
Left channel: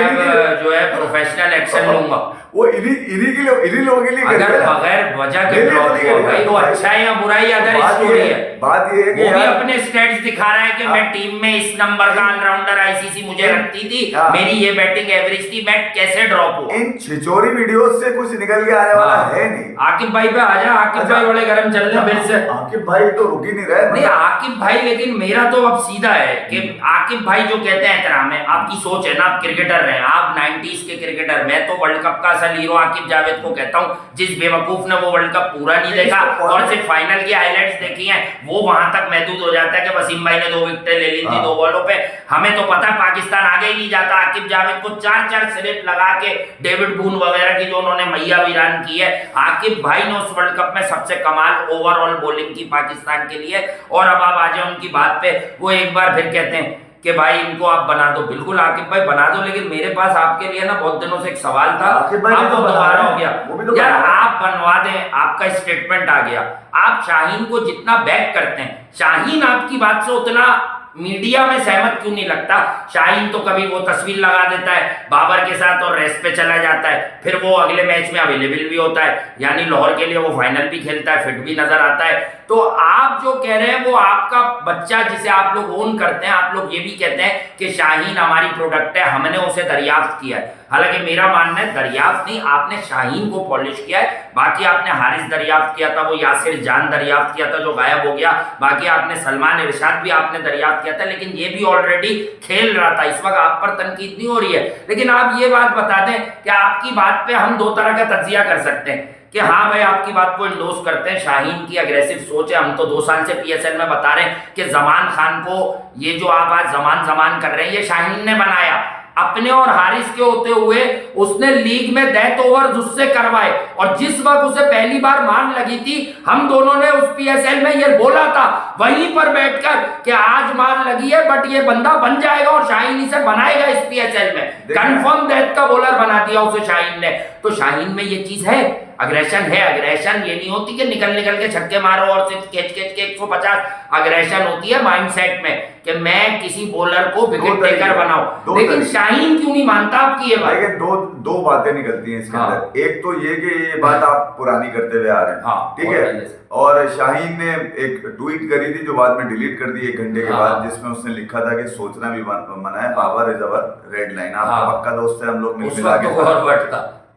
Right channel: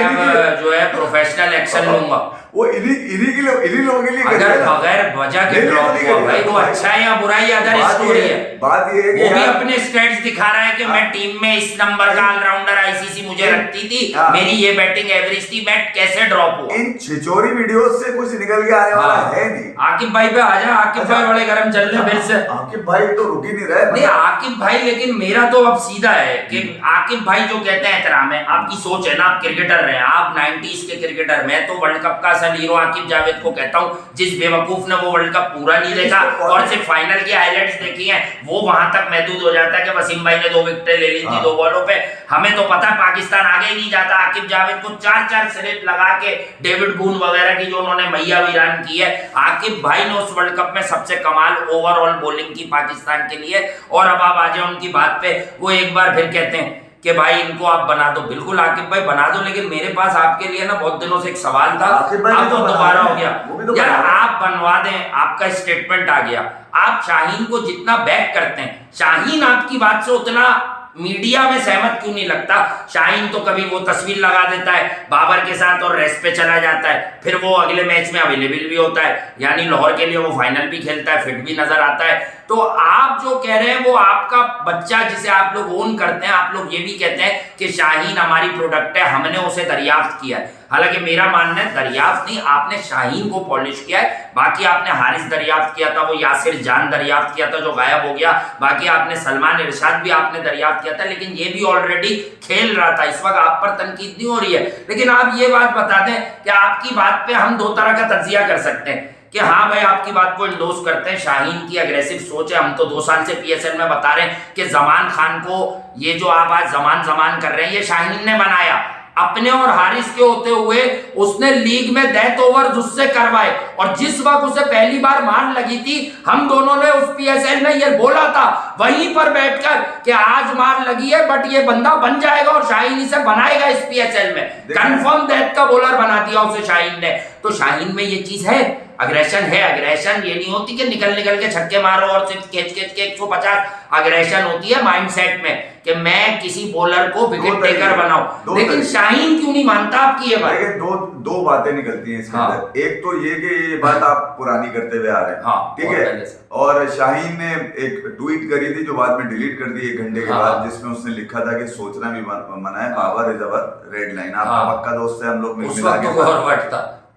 जो है प्रोफेशनल एक्शन लूंगा, वो इन्हीं लोगों के लिए अगर बगैर वजह के ड्रॉप हुआ भाई तो अच्छा है या बुरा ही अदर स्टोरी है। बात ये है वो भी अपने स्टेट्स दिखा रहा है कि मैं टीम में इस नंबर का ऑलराउंडर आईसीसी मुझे रखती थी, मेरी ये बैटिंग एवरेज थी, मैं कैसे ड्रॉप हुआ। इन छिचोरी वीडियोस से कुछ निकल के आने वाला है नहीं। आकिब भाई पे आ जा, आकिब भाई बड़े गर्म चल रहे फिर से। आकिब भाई तो रुक ही नहीं रहे। नहीं आकिब भाई, लेकिन मेरा तो अब सीधा है कि आकिब भाई जो कहते हैं एहतराम है, आपकी सोच है ना, आप क्रिकेटर रहे, आप 90s के क्रिकेटर, मैं तो वर्ल्ड कप का असल हीरो आकिब जावेद को कहता हूं। जिस बेवकूफ ने वो वर्ल्ड कप पूरा नहीं देखा और सिर्फ फाइनल की हाइलाइट्स देखी हैं, वो वहां तक महदूद हो जाता है कि वसीम भाई ने 2 विकेटें ले ली थी 2 बॉलों पे। हमें तो पता है पाकिस्तान आगे ही नहीं जाता। आकिब जावेद को 4-4 स्लिप लगा के डेविड बून वगैरह की जो उन्होंने मैया वीरान की है, आकिब भाई ने उस वर्ल्ड कप में सबसे कमाल ओवरऑल बॉलिंग की पाकिस्तान के लिए। और अब आप आ जाए उनकी बात पे, वो एक बार फिर कहते हैं कि भाई इनको आप बना दो, बिल्कुल आकिब भाई बना दो, लेकिन मेरे पास आपके लिए ना बहुत दिनों से एक सवाल था, आकिब भाई अब तो वो बना दोबारा रहे हो हैं, गया। वो भी तो यार बना रहे हैं। आप बनवा दें, आपका स्टेटमेंट आ गया, आप शाहीन को जितना बैक करते हैं, शाहीन आपकी बात से उतना मीडिया में सहमत क्यों नहीं लगता? शाहीन तो कभी वो तस्वीर लगा देता है बाबर के साथ और रेस्ट पे चला जाता है, फिर वो अगले मैच में अवेलेबल भी होता है, यानी लाहौर के लिए वो फाइनल भी खेलता है, फिट भी नजर आता है। तो आप जो कह रहे हैं वो आपका बच्चा जिसे आप लोग ओन करते हैं, आप लोग ये भी कहते हैं कि शाहीन हमारी प्रोडक्ट है, हमने उसे दरियाफ्त किया है। हालांकि मेरा मानना है दरियाफ्त नहीं, आपने शाहीन को पॉलिश किया है। बाकी आपने हारिस दरियाफ्त किया था, वो यासिर जान दरियाफ्त किया था जो गायब हो गया, बाकी आपने सलमान इरशाद भी आपने दरियाफ्त किया था, लेकिन ये भी ऑलरेडी खेल रहा था। इस वक्त आप पर तनकीद नहीं हो रही है, लेकिन आप ये बात बता दें कि आपकी बात पे हम दो तरह का तज्जिया कर सकते हैं कि हाँ भाई आपकी बात को इंडोर्स करते हैं, शाहीन की अग्रेसिव सोच है। हम तो 2 साल से पीएसएल में बता रहे हैं कि जमान खान को, ये जो आप आज जमान कर रहे हैं, ये शाहीन ने बनाया। अपने और हारिस के होते हुए उसने लीग में डेथ ओवर्स उससे करवाए, और जिस वक्त उसे पहली बार मार लगी थी, हम दोनों ने उस पीएसएल में ये बोला था वहीं पर बैठकर कि आज मार लगी है बट ये बंदा बन जाएगा और शाहीन इसे बनाएगा इस पीएसएल में। कंफर्म डेथ का बॉलर बना दिया उसे शाहीन ने। तो शाहीन में ये चीज है, अग्रेशन है। अग्रेशन ये नहीं होती कि निकल के छक्के मारो और सिर्फ खेच के 150। अग्रेशन होती है माइंडसेट में कि मैं किसी बॉलर को विकेट टेकर बनाऊं। लेकिन शाहीन क्यों नहीं मानता आपकी ये बात? लेकिन दो बातें निकलती हैं इसके अंदर। एक तो ये कि ये बात आप पुरानी करते हुए आ रहे हैं, ठीक है। और शाहीन ने एक ट्वीट करी थी जो बाद में डिलीट कर दी 1 घंटे के बाद, जिसमें उसने लिखा था कि सोचना भी मना है, Babar is our red line. आपका पक्का दोस्त है, हम लोग मिल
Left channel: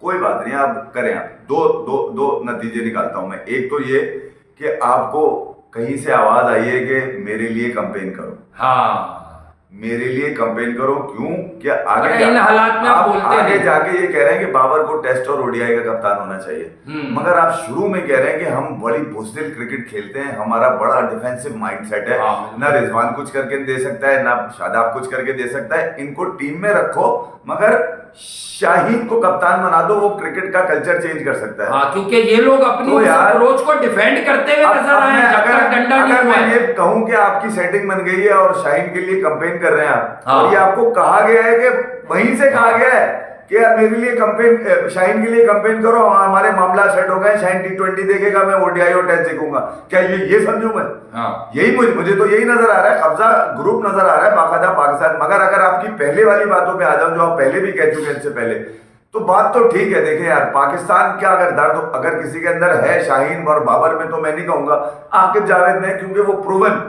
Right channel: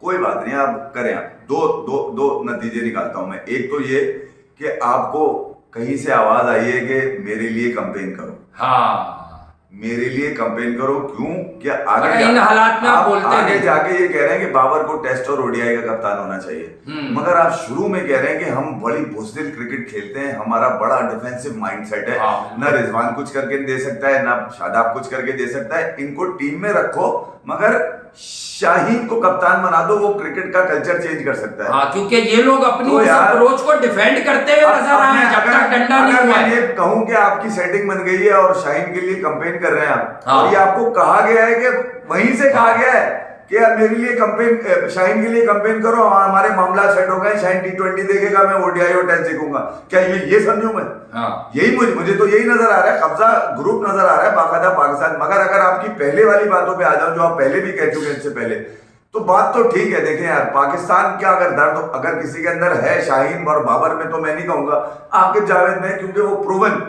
कोई बात नहीं, आप करें। आप दो नतीजे निकालता हूं मैं। एक तो ये कि आपको कहीं से आवाज आई है कि मेरे लिए कैंपेन करो। हाँ, मेरे लिए कैंपेन करो। क्यों? क्या आगे इन हालात में आप बोलते आगे जाके ये कह रहे हैं कि बाबर को टेस्ट और ओडीआई का कप्तान होना चाहिए, मगर आप शुरू में कह रहे हैं कि हम बड़ी बुज़दिल क्रिकेट खेलते हैं, हमारा बड़ा डिफेंसिव माइंडसेट है। ना रिजवान कुछ करके दे सकता है, ना शादाब कुछ करके दे सकता है। इनको टीम में रखो, मगर शाहीन को कप्तान बना दो, वो क्रिकेट का कल्चर चेंज कर सकता है। हाँ, क्योंकि ये लोग अपनी तो अप्रोच को डिफेंड करते हुए नजर आए हैं जब तक डंडा नहीं हुआ है। ये कहूं कि आपकी सेटिंग बन गई है और शाहीन के लिए कैंपेन कर रहे हैं आप, और ये आपको कहा गया है कि वहीं से कहा गया है कि यार मेरे लिए कैंपेन, शाहीन के लिए कैंपेन करो, हमारे मामला सेट हो गए, शाहीन T20 देखेगा, मैं ओडीआई और टेस्ट देखूंगा। क्या ये समझूं मैं? यही मुझे तो यही नजर आ रहा है, कब्जा ग्रुप नजर आ रहा है बाकायदा पाकिस्तान। मगर अगर आपकी पहले वाली बातों पे आ जाऊं जो आप पहले भी कह चुके हैं इससे पहले, तो बात तो ठीक है। देखें यार, पाकिस्तान क्या अगर दर्द अगर किसी के अंदर है शाहीन और बाबर में, तो मैं नहीं कहूंगा आकिब जावेद में, क्योंकि वो प्रूवन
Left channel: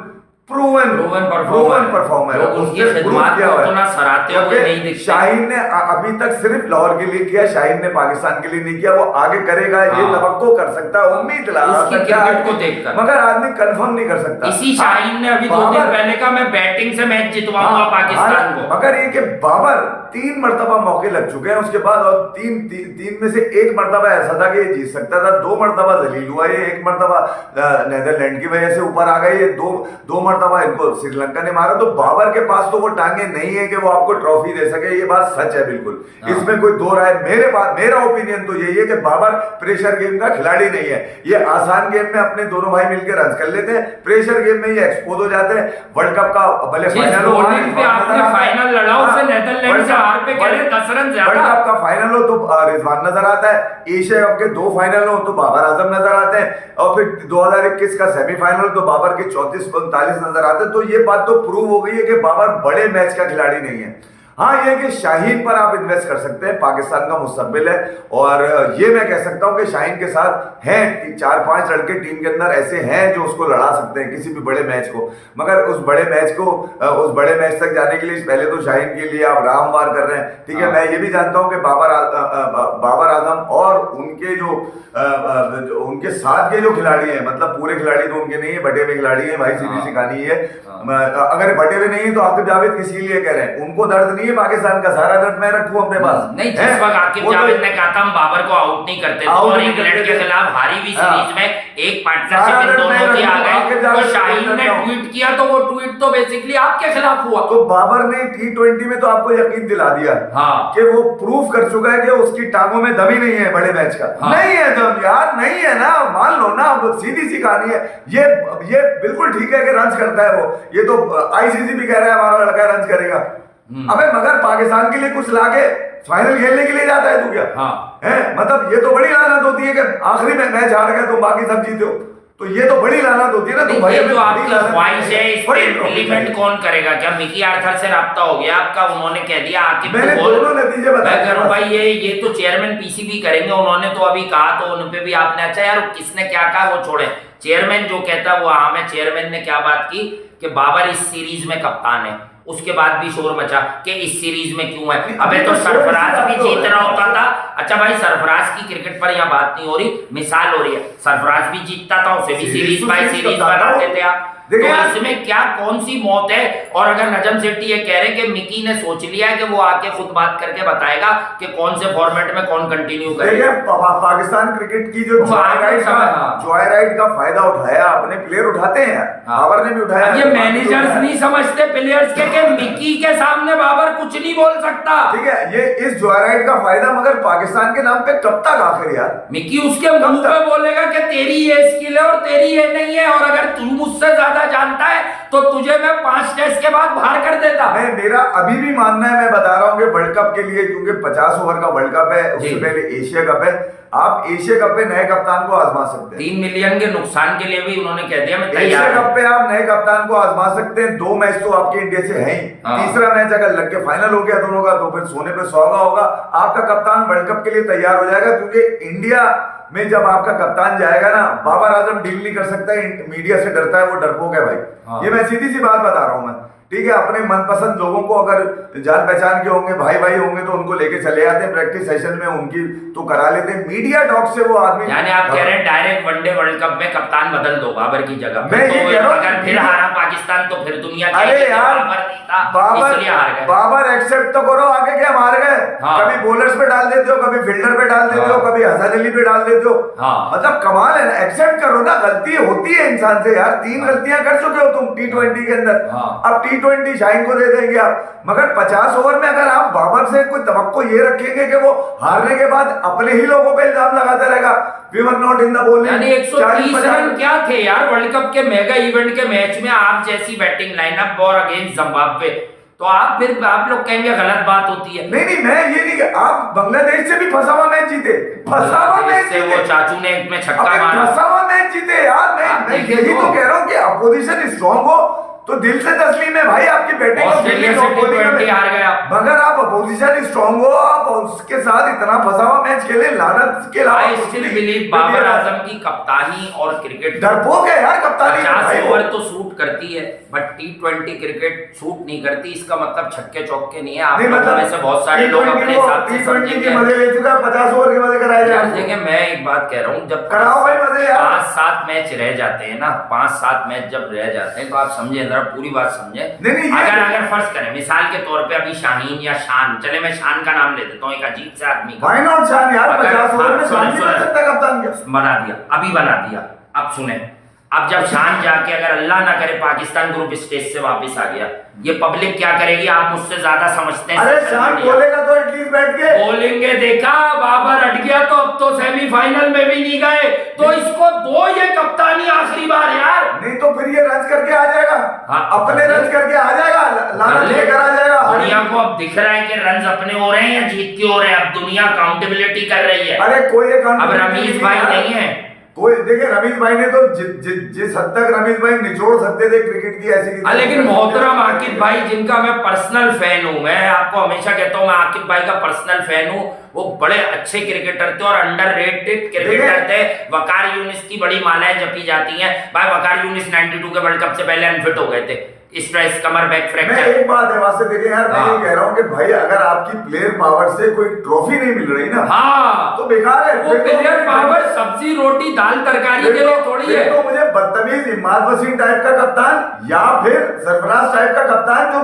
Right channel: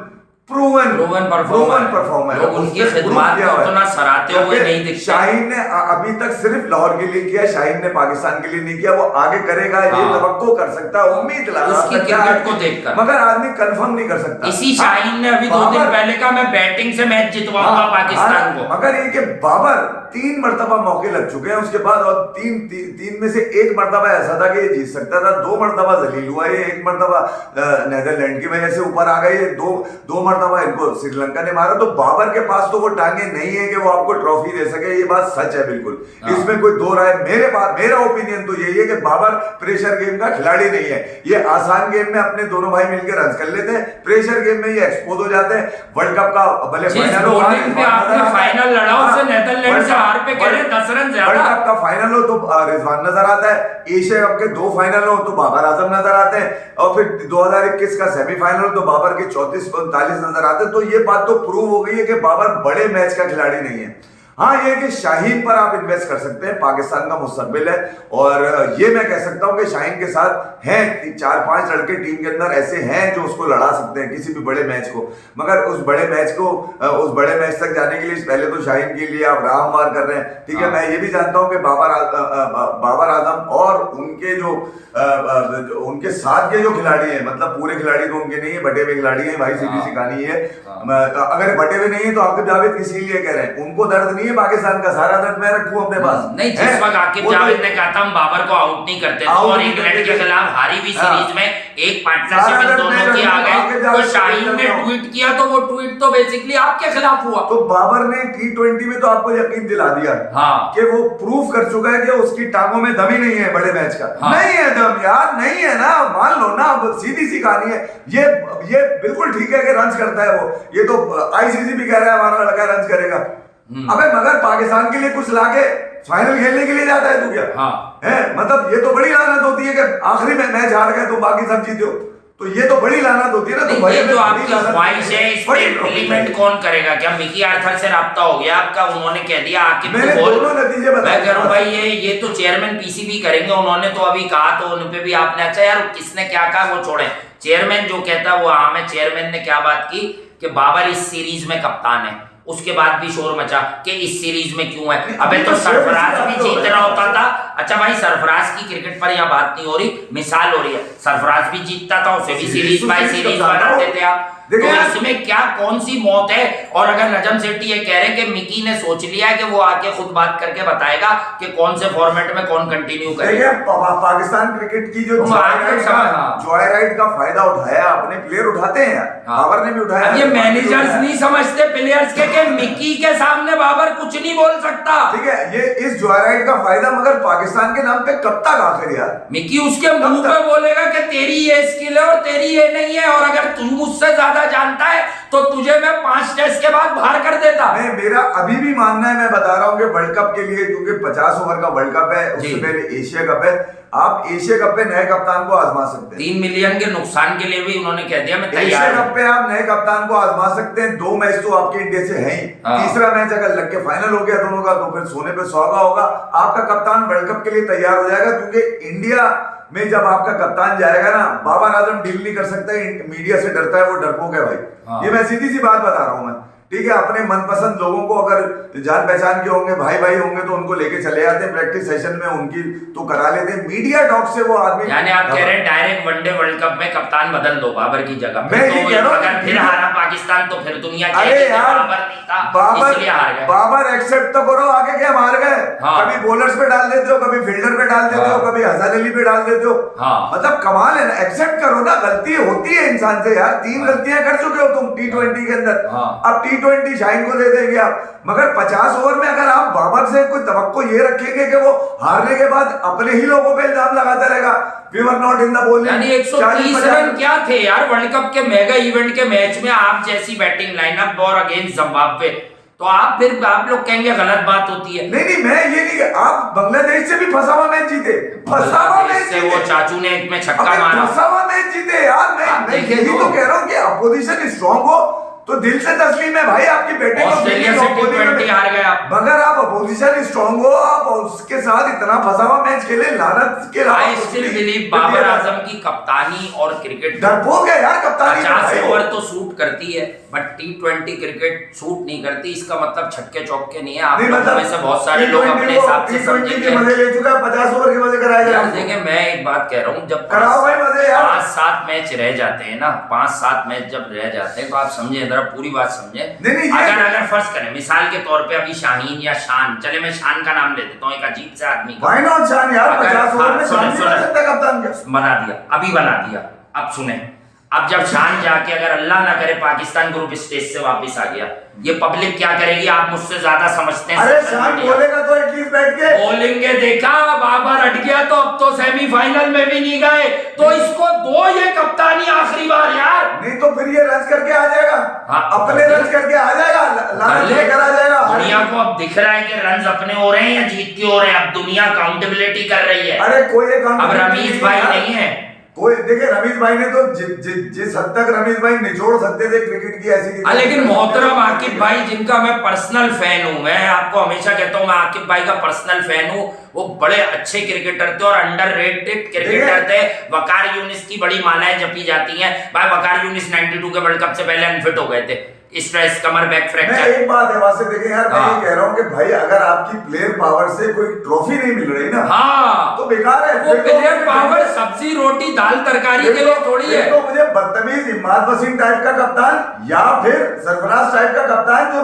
परफॉर्मर लोग उनकी खिदमत को उतना सराहते हुए नहीं दिखते। शाहीन ने अभी तक सिर्फ लाहौर के लिए किया, शाहीन ने पाकिस्तान के लिए नहीं किया। वो आगे करेगा ये तवक्को कर सकता है, उम्मीद लगा सकता है, मगर आदमी कंफर्म नहीं कर सकता। इसी शाहीन ने अभी 2 दिन पहले कहा मैं बैटिंग से मैच जितवाऊंगा पाकिस्तान को। मगर ये कि बाबर 3 मरतबा मौके लग चुके हैं उसके बाद, और तीन में से 1 मरतबा ऐसा था कि ये जीत सकता था, 2 मरतबा जलील हुआ, ये 1 मरतबा नेदरलैंड की वजह से ऊपर आ गए, ये दो मरतबा इनको श्रीलंका ने मारा। तो बाबर के पास तो वो टांगे नहीं है कि वो आपको ट्रॉफी दे सके, ये बात सच है बिल्कुल, इसमें कोई दो राय। मेरा ओपिनियन तो यही है कि बाबर प्रेशर गेम का खिलाड़ी नहीं है। ये आसान गेम में अपने दोनों भाई मिलकर रन कर लेते हैं, प्रेशर गेम में ये एक्सपोज हो जाते हैं। वर्ल्ड कप का भले फाइनल लड़ा उससे नेदरलैंड से हार पे गए 10 रन ज्यादा। वर्ल्ड कप का फाइनल हो तो रिजवान नजर आता है, एशिया कप के 2 फाइनल हो तो बाबर आजम नजर आते हैं, और फिर 2021 का सेमीफाइनल तो बाबर के 34-39 नजर आते हैं। तो ये बात तो प्रूव हो गई है कि बाबर बड़े मैच का खिलाड़ी नहीं है। हाँ, ये कि शाहीन पर आप इन्वेस्ट कर सकते हैं, पाकिस्तान का मुस्तकबिल है। और ये मैं कह सकता हूं कि शाहीन के साथ हैं 4-5 लड़के टीम के अंदर ऐसे हैं जो उसको लड़ा सकते हैं किसी भी बड़े मैच को। मगर उस बड़े मैच तक जाने के लिए पहले तो शाहीन के लिए आप रामवार कर रहे हैं, ठीक है। मैं ये भी जानता हूं कि बाबर आजम और उनके जो उनके साथ के जो खिलाड़ी हैं, मतलब पूरे खिलाड़ी तो उनके नहीं है, बटे हुए खिलाड़ी हैं भाई, सीधी सी कहानी है। अगर बटे हुए नहीं है तो आकिब जावेद किसी लिए कह रहे हैं, उनको दर्द नहीं है पाकिस्तान का, सारा दर्द मैं रखूं अपने पास? नहीं, जिस वक्त आकिब जावेद ने कहा था हम बाबर को आउट नहीं करते थे और इंग्लैंड के खिलाफ हारी हुई सीरीज में एक पार्टनरशिप इन दोनों की आ गई, तो शाहीन ने ट्वीट किया तो वो ट्वीट तो बेसिकली आपके खिलाफ हुआ। तो बाबर ने T20 में तो आपको यकीन दिला दिया कि वो प्रूफ कर चुका है कि उसकी टांगों में दम ही नहीं है बड़े मैच का। नहीं है दम यार, नहीं है ना, मान लो ना, अब सीधी सी कहानी है। ये बिल्कुल ठीक है कि रन करता है वो, ये तो ICC भी कह रहा है हमारा लड़का रन करेगा। अबे मगर पाकिस्तान के लिए कुछ लाके फाइनल खेलने के लिए जाता है तू क्या? है मतलब ये तो बड़ी लानत होती है कि आखिरी में मैच हार गए तो बाकी सब जीते हो, तो ये तो बड़ी लानत होती है ना। तो ये जो आपकी ख्वाहिश है इस पे इम्प्लीमेंट कौन करेगा? क्या मिकी आर्थर से राब्ता हो गया आपका? उन्होंने कह दिया आकिब को बोल, मैं कह रहा हूं भाई ये तो चेयरमैन PCB करेंगे, उन्होंने तो अभी कहा, तो उन पे भी आपने अच्छा यार किसने क्या कहा वो छोड़े, चेयरमैन जो कहता है वो हाँ है। चेयरमैन ने क्या बात की कि बाबर इस सीरीज में कप्तान है, उसके बाद भी शोर मचा कि इस सीरीज में क्यों है। अबे तो सरफराज भी जीत रहा होता था। अच्छा भाई, सरफराज की क्रिकेट पर यहाँ बात नहीं हो रही, मिसाल हो रही है। सरफराज भी जीतता था, उसे भी सीरीज बाय सीरीज बनाते थे आप, तो इसमें क्या कौन सी मौत है? और अगर नजम सेठी ये कह रहे हैं कि मिकी ने सोच लिया है कि वो आके खुद बात करके बताएगा कि कौन से फॉर्मेट में कौन कंटिन्यू करेगा। पाकिस्तान क्रिकेट की जो जॉय राइड का फायदा उठाया, अपने प्लेयर उठाते हैं, बाबर ने भी उठाया। ये मैनेजर्स नहीं समझते प्लेयर्स के मिकी के सामने बाबर कुछ नहीं बोल सकता। ठीक है, ये इस जॉय राइड का फायदा मगर पाकिस्तान के नाम पे कब तक आखिर यार? मिकी उसके मुंह पे बोलेगा कि तेरी ये स्किल है और तेरी ये नहीं है, और अगर तू मुझसे ज्यादा जानता है तो तुझे मैं 5 टेस्ट के बाद बाहर कर देता। नहीं, मेरा अभी भी मानना है, मैं बता रहा हूँ कि वर्ल्ड कप के लिए, क्योंकि 50 ओवर का वर्ल्ड कप है, उससे पहले एशिया कप है, आप एशिया कप पे नए कप्तान को आजमा सकते हैं। 3 मिलियन के नुकसान के लिए भी उन्होंने कह दिया मैं तैयार हूं। एशिया कप पे आप नए कप्तान को आजमा सकते हैं। 2 मैच तो आपके इंडिया से है ही, तीसरा मैच अगर लग के फाइनल हो गया दोनों का तो फिर सोने पे सुहागा होगा। आपका कप्तान वर्ल्ड कप के लिए तैयार हो जाएगा, क्योंकि इंडिया में जब आपका कप्तान जाएगा ना, बाबर आजम डील नहीं कर सकता है, मीडिया से डरता है, वो डरपोक है भाई। ये मैं सीधी सी बात बता रहा हूं मैं, ठीक है। अपने मनपसंद लोगों को अगर जान पहचान के होंगे, भाई भाई होंगे, तो उनको लेके चले जाते हैं प्रैक्टिस सेशन में, उनकी तो करा लेते हैं। मीडिया डॉग से वो आदमी, यानी आप कह रहे हैं डायरेक्ट वनडे वर्ल्ड कप में कप्तान बदल दो बाबर की जगह पे, तो अगर फिर हारा पाकिस्तान तो फिर दुनिया कहेगी कि बाबर नहीं था इसलिए हार गए। बाबर एक्सेप्ट तो करो, आगे क्या हार गए? कभी बॉलर्स पे डाल देते हो, कभी फील्डर पे डाल देते हो, कभी हसन अली पे डाल देते हो। मतलब कमाल है ना, एक्सेप्ट करो ना, गलती होती है इंसान से यार। 3 गलतियां कर चुके हो तुम T20 के अंदर, अब T20 शाहीन को दे देंगे आप। मगर 50 ओवर में अगर आप बाबर से कोई तवक्को ये रखेंगे कि वो हारने के बाद अपने ही लोगों पे इल्जाम लगाता रहेगा, we were not in the bowling, यानी 130 रन क्या थे यार वर्ल्ड कप के मेगा इवेंट के मैच में, आप जैसी बैटिंग लाइनअप और अगेंस्ट जिम्बाब्वे, तो आप फिर आप लोग कहेंगे गलत बात होती है। नहीं, मैं ये नहीं, आप बांग्लादेश से भी फंसा हुआ मैच जीते, फंसा हुआ मैच से वो चाचू ने एक में छक्का मारा, फंसा हुआ मैच जीते यार। मैं यही तो कह रहा हूँ कि अपोजिशन स्ट्रांग हो तो दिल से तस्लीम है भाई आपकी बैटिंग। ऑस्ट्रेलिया से T20 हार गए आप, मगर आप अपोजिशन स्ट्रांग हो, आप उसके साथ इतना फंसा हुआ मैच खेले, लानत के I still believe Babar Azam की कप्तानी और क्रिकेट डरपोक है यार। कप्तानी 50 ओवर तो सूट करती है, बट T20 क्रिकेट सूट नहीं करती। इसका मतलब छक्के चौके नहीं है। आप लोगों में से बहुत सारे लोग अपने हिसाब से समझेंगे, मजे ले चुका है, 50 ओवर के मजे कराए जा रहे हैं। देखिए मैं एक बात कह रहा हूँ, जब 5-7 मैच रह जाते हैं ना, 5-7 मैच जब रह जाते हैं, तो आप समझे, जरा पूरी बात समझे। अगर फर्ज करें मिसाल के तौर पे अभी शाहीन या शान, चले मैं शान का नाम ले देता हूँ, एक अजीब से आदमी का, व्हाई नॉट शान यार, 50 ओवर में शान नहीं बन सकता कप्तान क्या? बना दिया, अभी बना दिया। अब सुने, अब जब शान जाके अगर अल्लाह ना करे पाकिस्तान ग्रुप स्टेज से वापस आ गया, ये पब्लिक क्या करेगी? आप मुझसे ज्यादा समझते हैं। अरे शान बोलेगा तो एटलीस्ट बैठ के बोलेंगे, देखा बाबर हट गया तो अब तो सेमीफाइनल में भी नहीं गए, तो इसको दो ये कप्तानी आखिरी बार यार। नहीं तो फिर ये रन करके आ जाएगा, अपने रन करके आ जाएगा, लानत लेकर आ जाएगा। दुनिया को अब दिख रहा है कि रन अपने हो रहे हैं या जीत के हो रहे हैं, अब दुनिया अकाउंटेबिलिटी कर रही है। अरे कोई अब रमीज भाई नहीं है कोई, देखिए रमीज भाई ने तो जिस हद तक रमीज भाई निचोड़ सकते थे क्रिकेट की ऐसी, लेकिन मोहतरम आकिब भाई जिनका मैं पर्सनल फैन हूं, मैं आपको हमेशा कहता हूं मैं आकिब भाई का पर्सनल फैन हूं, वो बड़े अच्छे क्रिकेटर थे और अंडररेटेड क्रिकेटर थे। वकार यूनिस की बड़ी मालाएं जपी जाती हैं भाई, वकार यूनिस 92 के वर्ल्ड कप से पहले अनफिट हो गए थे, स्ट्रेस, कमर बैक मैं फ्रैक्चर। एक बात है वहां से देखिए यार, मैं हाँ। ये कह रहा हूँ कि भाई अगर आपकी प्लेयर पावर से कोई ट्रॉफी नहीं मिल रही ना, हाँ तो बेकार है। वो फिर तो- प्लेयर पावर सब्जी रोटी दाल तरकारी के लिए थोड़ी है। तो मुझे बदतमीज इमाद वसीम टाइप का कप्तान या फिर सरफराज टाइप का कप्तान जो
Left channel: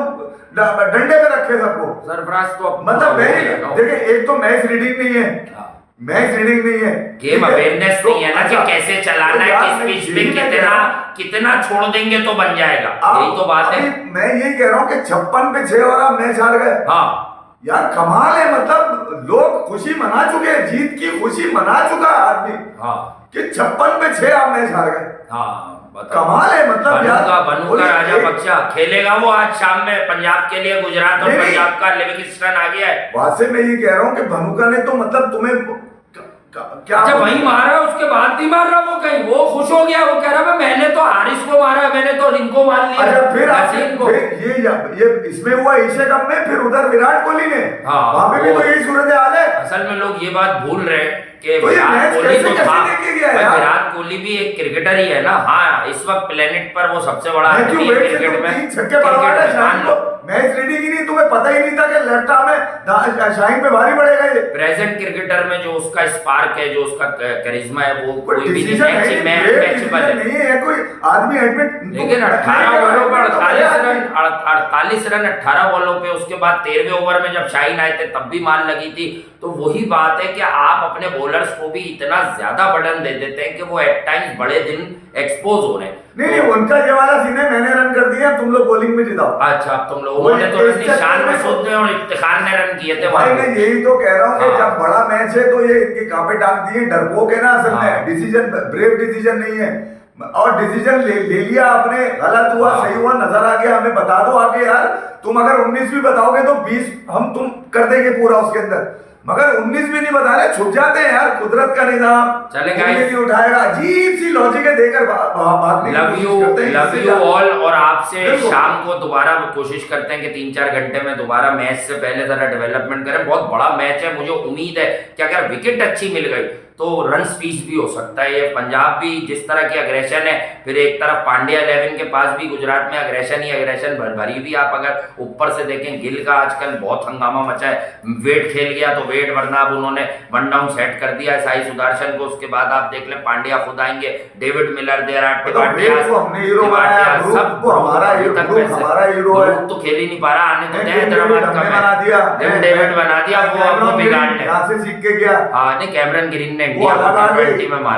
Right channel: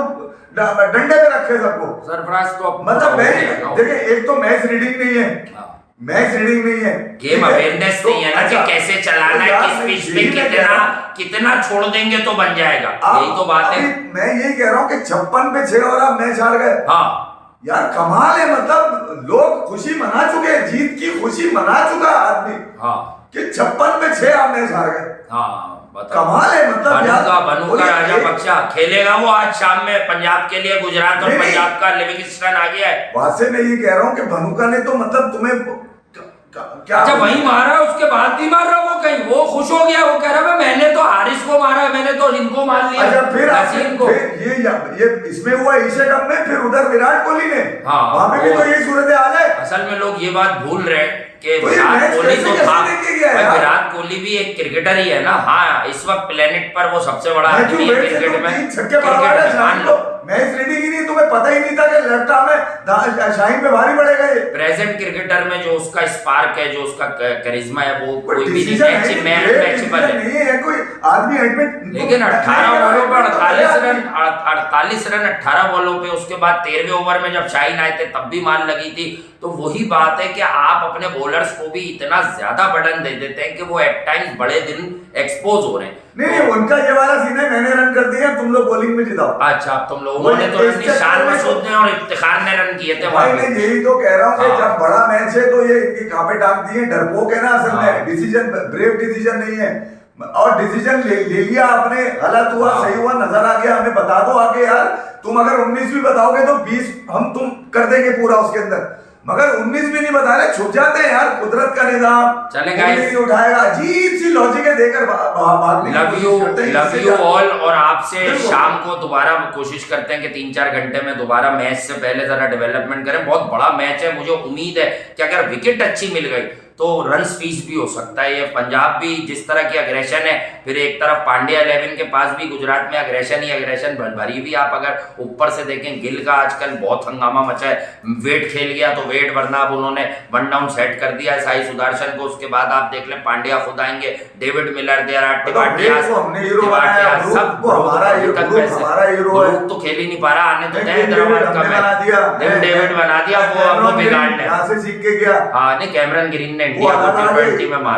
डंडे पे रखे सबको। सरफराज तो अब मतलब हो गया ना। देखिए, एक तो मैच रीडिंग नहीं है, हाँ। मैच रीडिंग नहीं है, गेम अवेयरनेस नहीं है ना कि कैसे चलाना है, किस पिच पे कितना छोड़ देंगे तो बन जाएगा, यही तो बात है। मैं यही कह रहा हूँ कि 56 पे 6 और आप मैच हार गए। हाँ यार कमाल है, मतलब लोग खुशी मना चुके हैं, जीत की खुशी मना चुका है आदमी। हाँ कि 56 पे 6 आप मैच हार गए। हाँ बताओ। कमाल है, मतलब यार बनूंगा राजा पक्षा खेलेगा वो आज शाम में पंजाब के लिए, गुजरात और पंजाब का लिविंगस्टन आ गया है। वहां से मैं ये कह रहा हूँ कि भनुका ने तो मतलब तुम्हें क्या अच्छा वही मारा, उसके बाद भी मार रहा वो, कहीं वो खुश हो गया, वो कह रहा है मैंने तो हारिस को मारा, मैंने तो इनको मार लिया। अच्छा फिर नसीम को ये इसमें हुआ एशिया कप में, फिर उधर विराट कोहली ने, हाँ वहां पे भी तो यही सूरत हाल है। असल में लोग ये बात भूल रहे हैं कि तो विराट कोहली तो था भाई, यार? विराट कोहली भी एक क्रिकेटर ही है ना। हाँ इस वक्त प्लेनेट पर वो सबसे बड़ा आदमी है क्रिकेट में, मान लो। मैच रीडिंग ही नहीं, तुम्हें पता ही नहीं था कि लेफ्ट आर्म में शाहीन पे भारी पड़ेगा ये। प्रेजेंट क्रिकेटर में जो उसका स्पार्क है, जो उसका करिश्मा है, वो कोई भी नहीं मैचेबल है। नहीं है कोई आदमी एडमिट। लेकिन 18 बॉलों पर 48 रन 18 बॉलों पे, उसके बाद 13वें ओवर में जब शाहीन आए थे तब भी मार लगी थी। तो वही बात है कि आप अपने बॉलर्स को भी इतना ज्यादा बर्डन दे देते हैं कि वो एट टाइम्स बड़े दिन एक्सपोज हो रहे हैं। नहीं उनका ये वाला सीन है, मैंने रन कर दिया, तुम लोग बॉलिंग में जिताओ। अच्छा तुम लोग, उन्होंने तो निशान मसूद ने और इफ्तिखार ने रन किए थे वहां पे। मैं यही तो कह रहा हूँ कि हाँ। जब बड़ा मैच है तो ये इनकी कांपे टांग दिए, डरपोक है ना असल हाँ। में, डिसीजन ब्रेव डिसीजन नहीं है, और डिसीजन ले लिया आपने, गलत हुआ हाँ। सही हुआ नजर आ गया, हमें बता दो आके यार। तुम अगर 19 भी बताओगे तो 20 हम तुम कर देंगे पूरा उसके अंदर, मगर 19 भी नहीं बता रहे, छुप जाते हैं यार, कुदरत का निजाम चलेगा, नहीं उठाएगा, अजीब सी लॉजिक है देकर लव यू ऑल। और आपसे शाम को दोबारा कोशिश करते हैं कि 3-4 घंटे में दोबारा मैच से पहले जरा डेवलपमेंट करें। बहुत बड़ा मैच है, मुझे उम्मीद है कि अगर विकेट अच्छी मिल गई तो रन स्पीच भी हो सकता है। ये पंजाब भी जिस तरह की अग्रेशन है, फिर एक तरफ पांड्या 11 के पास भी गुजरात में अग्रेशन ही अग्रेशन भरी भी। आप अगर ऊपर से देखें, गिल का आजकल बहुत हंगामा मचा है, वेट खेल गया तो वेट, वरना अब उन्होंने 1 डाउन सेट कर दिया है साई सुदर्शन को। उसके बाद आप देख लें पांड्या खुद आएंगे, डेविड मिलर, टिवाटिया सब तो खेल ही नहीं पा रहा, आने तो हैदराबाद का मैच डेविड बना दिया, वो अब वो बिगाड़ ले। सीख के गया। हाँ नहीं, कैमरन ग्रीन ने इंडिया को T20 में मारा।